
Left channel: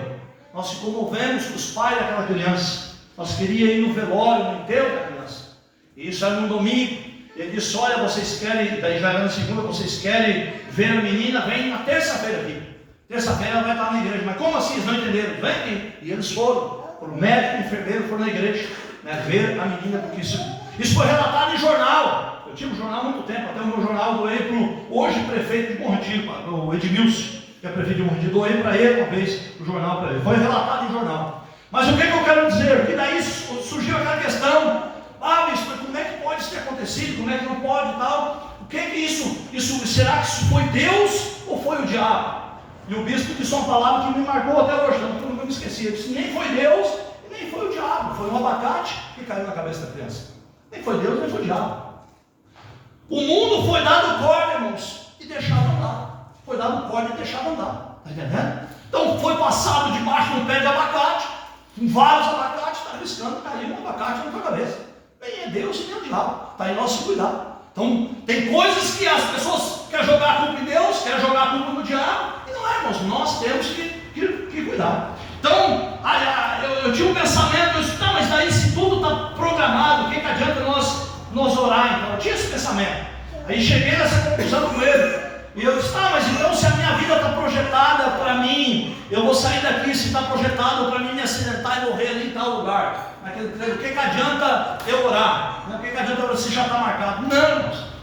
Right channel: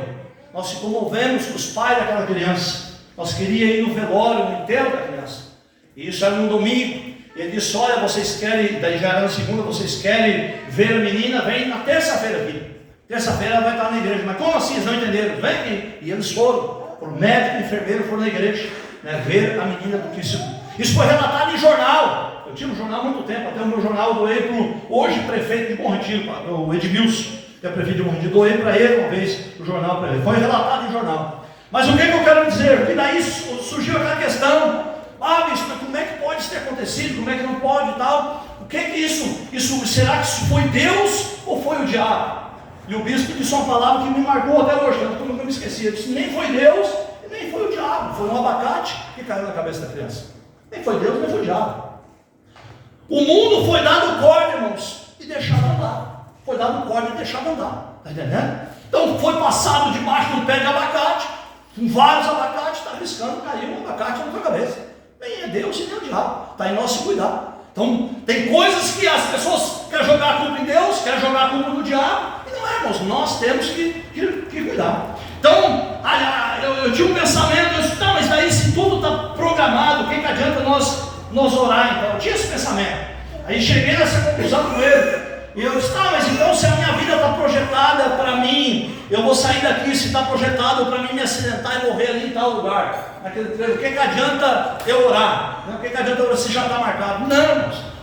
Nós se comovemos com os pais daquela criança, nós queríamos ir no velório, no enterro da criança, e isso era num domingo. Ele disse, olha, vocês querem, daí já era na segunda, vocês querem ver a menina, vem na terça-feira aqui. Terça-feira ela vai estar na igreja. Mas como assim? Eles não entenderam? Vem aqui. E eles foram, o médico e o enfermeiro foram na igreja, ver a menina, porque isso foi relatado em jornal. Eu tinha um jornal há muito tempo, até o meu jornal eu doei para o hoje prefeito de Bom Retiro, o Edmilson, que é prefeito de Bom Retiro, doei para ele uma vez o jornal para ele. Foi relatado em jornal. Mas o que eu quero dizer? Porque daí surgiu aquela questão. Bispo, como é que pode isso ter acontecido? Como é que não pode e tal? O que é que isso? Será que isso foi Deus ou foi o diabo? E o bispo disse uma palavra que me marcou até hoje, eu nunca me esqueci. Ele disse: nem foi Deus e nem foi o diabo, foi um abacate que caiu na cabeça da criança. Nem foi Deus, nem foi o diabo. O mundo foi dado corda, irmãos, e deixado andar. Foi dado corda e deixado andar. Está entendendo? Então foi passado debaixo de um pé de abacate, com vários abacates, está arriscando cair um abacate na tua cabeça. Nem é Deus e nem é o diabo. Está em nós se cuidar. Então tem coisas que as pessoas querem jogar a culpa em Deus, querem jogar a culpa no diabo. E não é, irmãos. Nós temos que cuidar. Então, eu tinha um pensamento, eu disse: tá, mas daí se tudo está programado, o que adianta nós orar então? Eu tinha esse pensamento. Aí cheguei nessa conclusão com ele. E eu disse: tá, mas então se a minha vida está projetada para mim, eu vou sair daqui, se está projetado para mim me acidentar e morrer ali em tal lugar, naquele treino, o que adianta eu orar? O que adianta eu orar se já está marcado?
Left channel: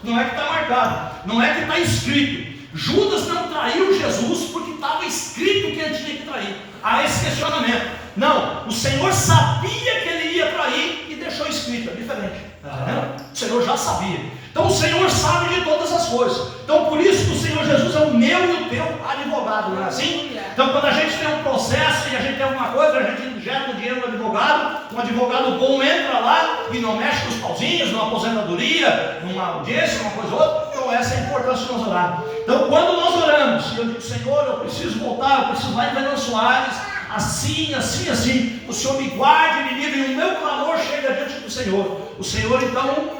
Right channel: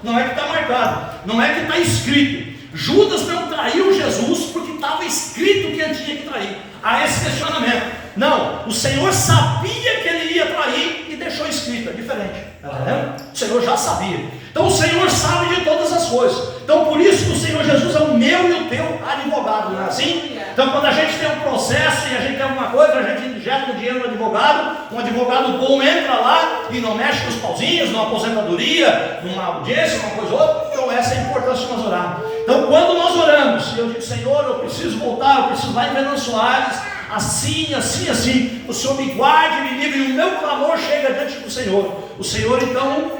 Não é que está marcado, não é que está escrito. Judas não traiu Jesus porque estava escrito que ele tinha que trair. Há esse questionamento. Não, o Senhor sabia que ele ia trair e deixou escrito, é diferente. O Senhor já sabia. Então o Senhor sabe de todas as coisas. Então por isso que o Senhor Jesus é o meu e o teu advogado, não é assim? Então quando a gente tem um processo e a gente tem alguma coisa, a gente injeta o dinheiro no advogado, um advogado bom entra lá e não mexe com os pauzinhos, numa aposentadoria, numa audiência, uma coisa ou outra. Então essa é a importância de nós orarmos. Então quando nós oramos, eu digo: Senhor, eu preciso voltar, eu preciso lá em Venâncio Soares, assim, o Senhor me guarde, me livre, e o meu clamor chega diante do Senhor. O Senhor então,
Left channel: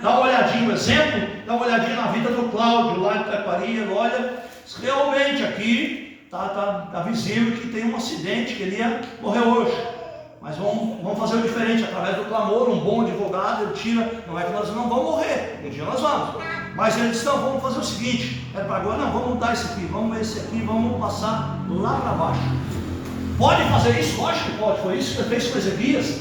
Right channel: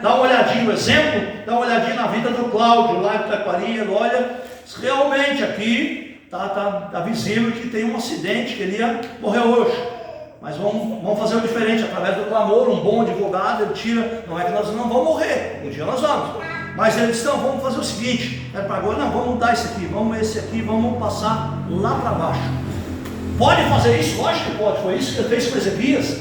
dá uma olhadinha, um exemplo, dá uma olhadinha na vida do Cláudio, lá em Taquari. Ele olha, realmente aqui está visível que tem um acidente, que ele ia morrer hoje, mas vamos fazer o diferente, através do clamor, um bom advogado, ele tira, não é que nós não vamos morrer, um dia nós vamos, mas ele disse: não, vamos fazer o seguinte, para agora, não, vamos mudar esse aqui, vamos passar lá para baixo. Pode fazer isso? Lógico que pode. Foi isso que ele fez com Ezequias.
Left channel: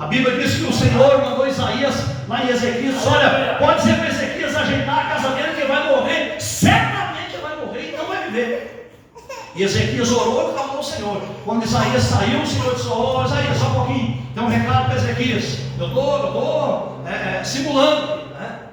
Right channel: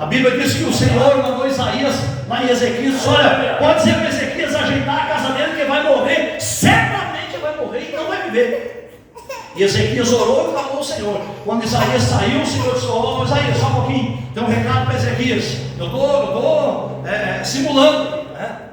A Bíblia diz que o Senhor mandou Isaías lá em Ezequias: olha, pode dizer para Ezequias ajeitar a casa dele, que vai morrer, certamente vai morrer e não vai viver. E Ezequias orou e clamou ao Senhor. Quando Isaías saiu, o Senhor disse: ô Isaías, só um pouquinho, tem um recado para Ezequias. Eu estou simulando,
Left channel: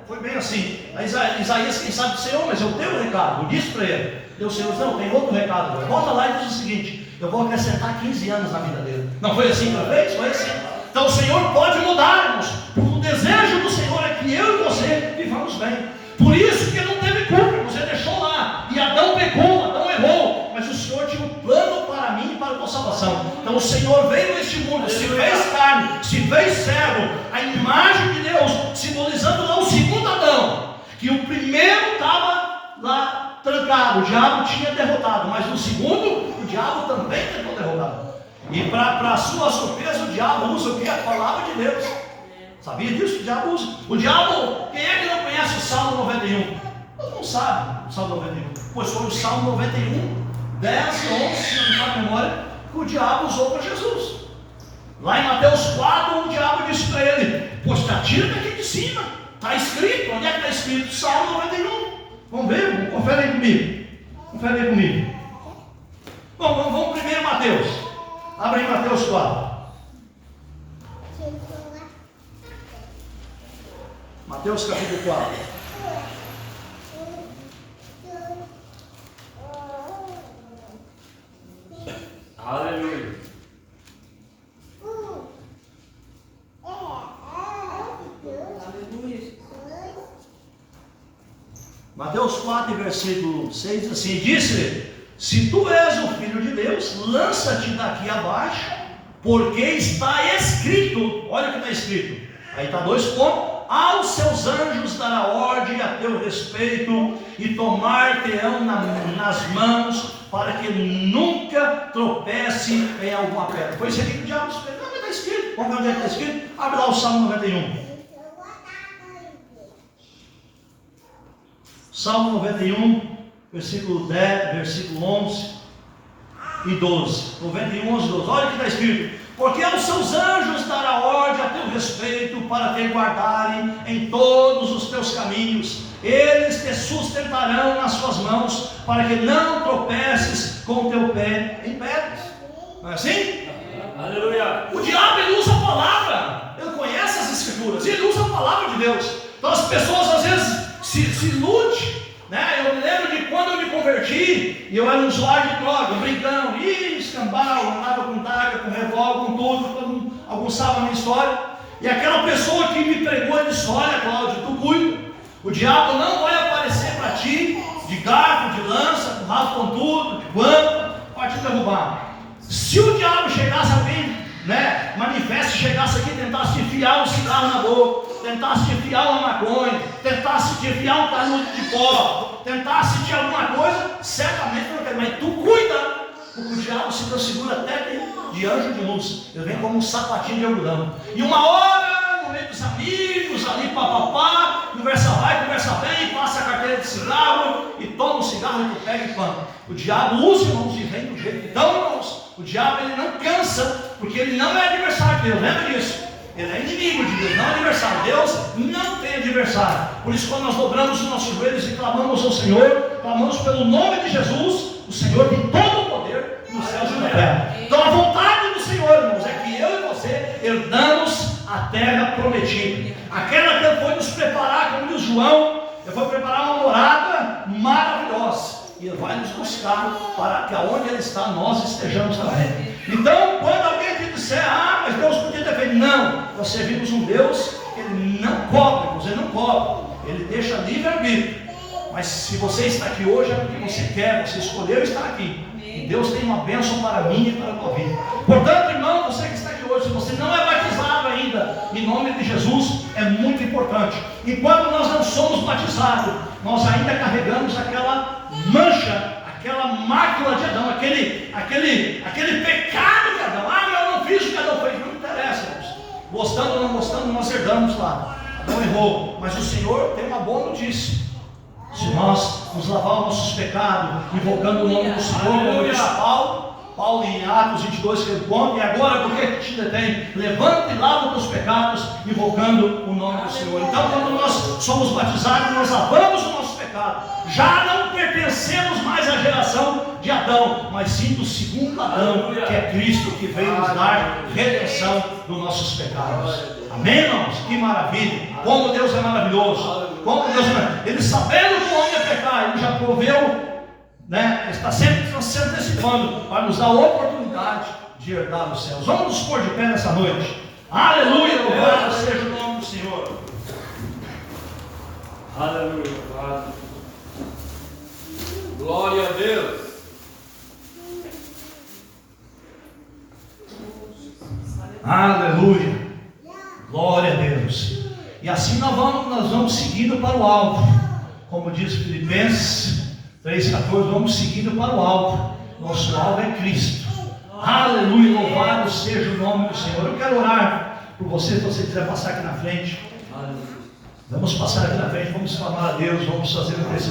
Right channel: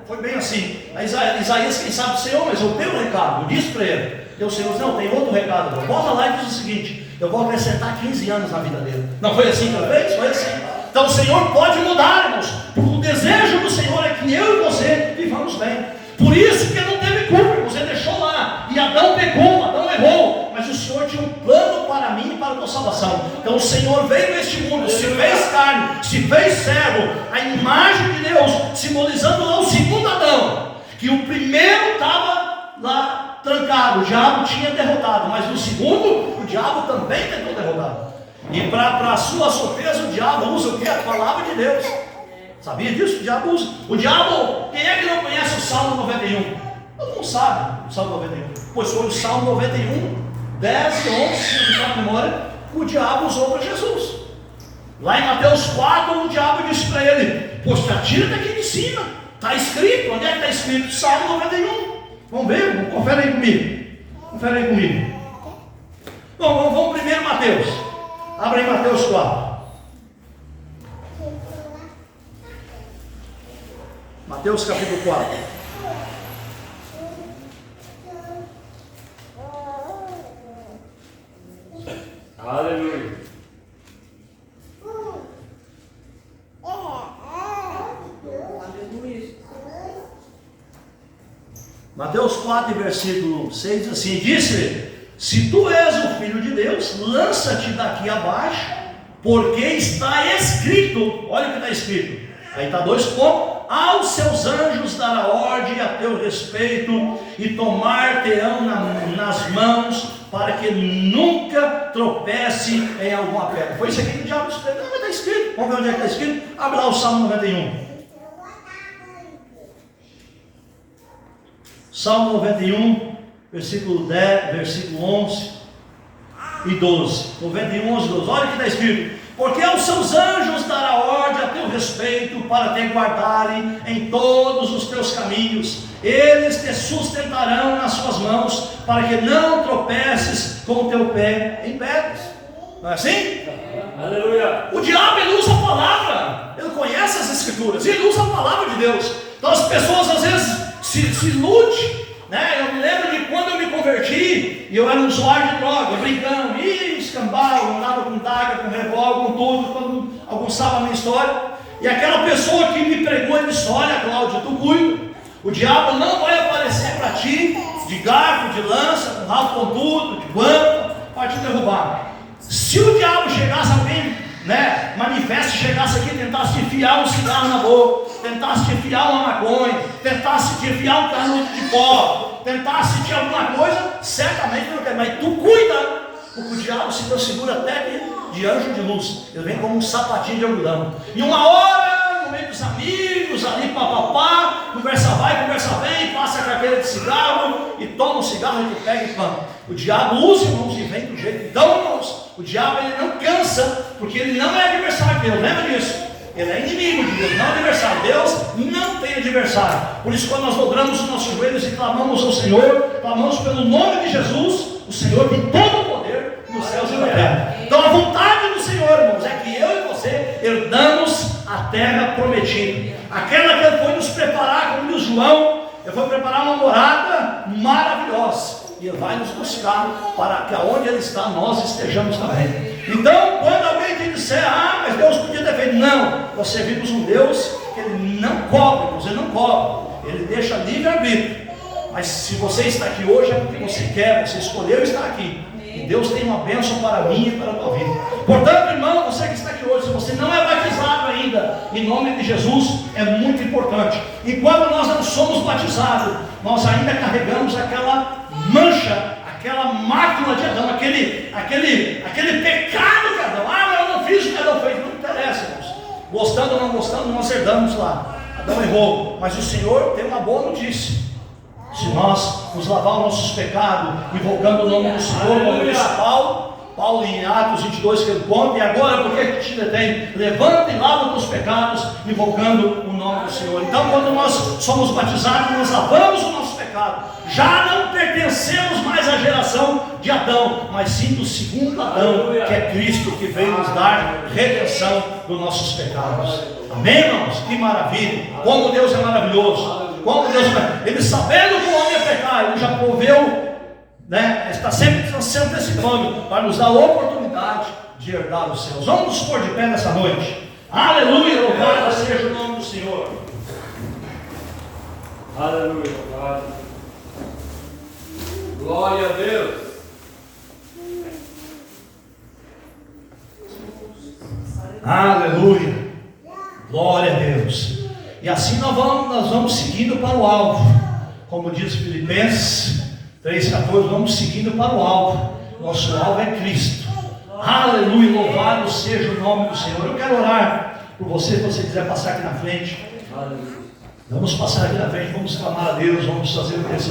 Foi bem assim. Aí Isaías, quem sabe do Senhor, mas eu tenho um recado. Eu disse para ele. E o Senhor disse: não, tem outro recado. Bota lá e diz o seguinte: eu vou acrescentar 15 anos na vida dele. Não foi assim que eu fiz? Foi assim. Então o Senhor pode mudar, irmãos. O desejo do Senhor é que eu e você vivamos bem. Por isso que ele não teve culpa, irmãos. Ele deixou lá. E Adão pecou, Adão errou. Mas o Senhor tinha um plano para mim e para a tua salvação. Então o Senhor veio neste mundo, se fez carne, se fez servo, a imagem de Deus, simbolizando lá o segundo Adão. Que o primeiro estava lá trancado, o diabo tinha derrotado, mas no segundo, o diabo também tentou derrotar. E para a sua surpresa, o diabo usa o que? A palavra de Deus. Sabia disso? O diabo usa. O diabo, quem é que não conhece o Salmo 91? Todo mundo sabe o Salmo 91. Pois foi o Salmo 91, 10 e 11, se não me fala a memória, que o diabo usou para Jesus. Lá em Mateus 4, o diabo disse para ele: pois tira daqui de cima. Está escrito. Onde é que está escrito? Salmo 91. Vamos ver? Confere aí comigo. Bom, vamos primeiro Mateus. Abre aí Mateus 4. Mateus capítulo 4. Aleluia. Mateus 4, versículo 6 diz assim: disse-lhe: se tu és o Filho de Deus, lança-te daqui abaixo, porque está escrito. Olha o que está escrito. Aí está 2 pontos: aos seus anjos dará ordem a teu respeito, e tomar-te-ão nas mãos, para que nunca tropece em alguma pedra. Foi isso aqui que o diabo disse: não, mas está escrito. Vamos ver onde é que está escrito? Abre lá o Salmo 91. Salmo 91, versículo 10, versículo 11 e 12. 91, 11 e 12. Olha o que está escrito: porque aos seus anjos dará ordem a teu respeito, para te guardarem em todos os teus caminhos. Eles te sustentarão nas suas mãos, para que não tropeces com o teu pé em pedras. Não é assim? Aleluia. O diabo, ele usa a palavra, ele conhece as escrituras, ele usa a palavra de Deus. Então as pessoas às vezes se iludem, Eu me lembro de quando eu me me converti, e eu era um usuário de droga, brincão, escambau, andava com daga, com revólver, com tudo, quando alguns sabem a minha história. E aquela pessoa que me pregou, ele disse: olha, Cláudio, tu cuida, o diabo não vai aparecer para ti de garfo, de lança, com rabo pontudo, de guampa, para te derrubar. Se o diabo chegasse, alguém, manifesto, chegasse aqui e tentasse te enfiar um cigarro na boca, tentasse te enfiar uma maconha, tentasse te enfiar um canudo de pó, tentasse te alguma coisa, certamente não quer, mas tu cuida, porque o diabo se transfigura até de anjo de luz. Ele vem como um sapatinho de algodão. E uma hora, no meio dos amigos, ali papapá, conversa vai, conversa vem, passa a carteira de cigarro e toma um cigarro e tu pega e planta. O diabo usa, irmãos, e vem do jeito que dão, irmãos. O diabo, ele não cansa, porque ele não é adversário de Deus, lembra disso? Ele é inimigo de Deus, não é adversário. Deus não tem adversário. Por isso, quando nós dobramos os nossos joelhos e clamamos ao Senhor, clamamos pelo nome de Jesus, o Senhor tem todo o poder nos céus e na terra. Então a vontade do Senhor, irmãos, é que eu e você herdamos a terra prometida. Aquela que Ele foi nos preparar, como diz João, Ele foi preparar uma morada maravilhosa. E Ele vai nos buscar para que aonde Ele está, nós estejamos também. Então, quando alguém te disser: mas Deus podia ter feito, não, nós servimos um Deus que Ele não cobra, Ele não cobra, Ele deixa livre-arbítrio. Mas se você está aqui hoje, é porque você quer, você escolheu estar aqui. E Deus tem uma bênção para mim e para a tua vida. Portanto, irmão, você que está aqui hoje, se você não é batizado ainda, em nome de Jesus, é muito importante. Enquanto nós não somos batizados, nós ainda carregamos aquela mancha, aquela mácula de Adão, aquele pecado de Adão. Eu não fiz o que Adão fez. Não interessa, irmãos. Gostando ou não gostando, nós herdamos lá. Adão errou, mas o Senhor tem uma boa notícia. Se nós nos lavarmos nossos pecados, invocando o nome do Senhor, como disse Paulo em Atos 22, que ele conta: e agora por que te detém? Levanta e lava os teus pecados, invocando o nome do Senhor. Então, quando nós somos batizados, nós lavamos o nosso pecado. Já não pertencemos mais à geração de Adão, mas sim do segundo Adão, que é Cristo, que veio nos dar redenção dos nossos pecados. Amém, irmãos? Que maravilha! Como Deus é maravilhoso! Como Deus é... Ele, sabendo que o homem ia pecar, Ele já proveu, está sempre se antecipando para nos dar a oportunidade de herdar os céus. Vamos nos pôr de pé nessa noite. Aleluia! Louvado seja o nome do Senhor. Aleluia. Glória a Deus. Aleluia. Glória a Deus. E assim nós vamos seguindo para o alvo. Como diz Filipenses 3,14, vamos seguindo para o alvo. Nosso alvo é Cristo. Aleluia, louvado seja o nome do Senhor. Eu quero orar por você, se você quiser passar aqui na frente. Vamos passar aqui na frente, vamos clamar a Deus, vamos fazer um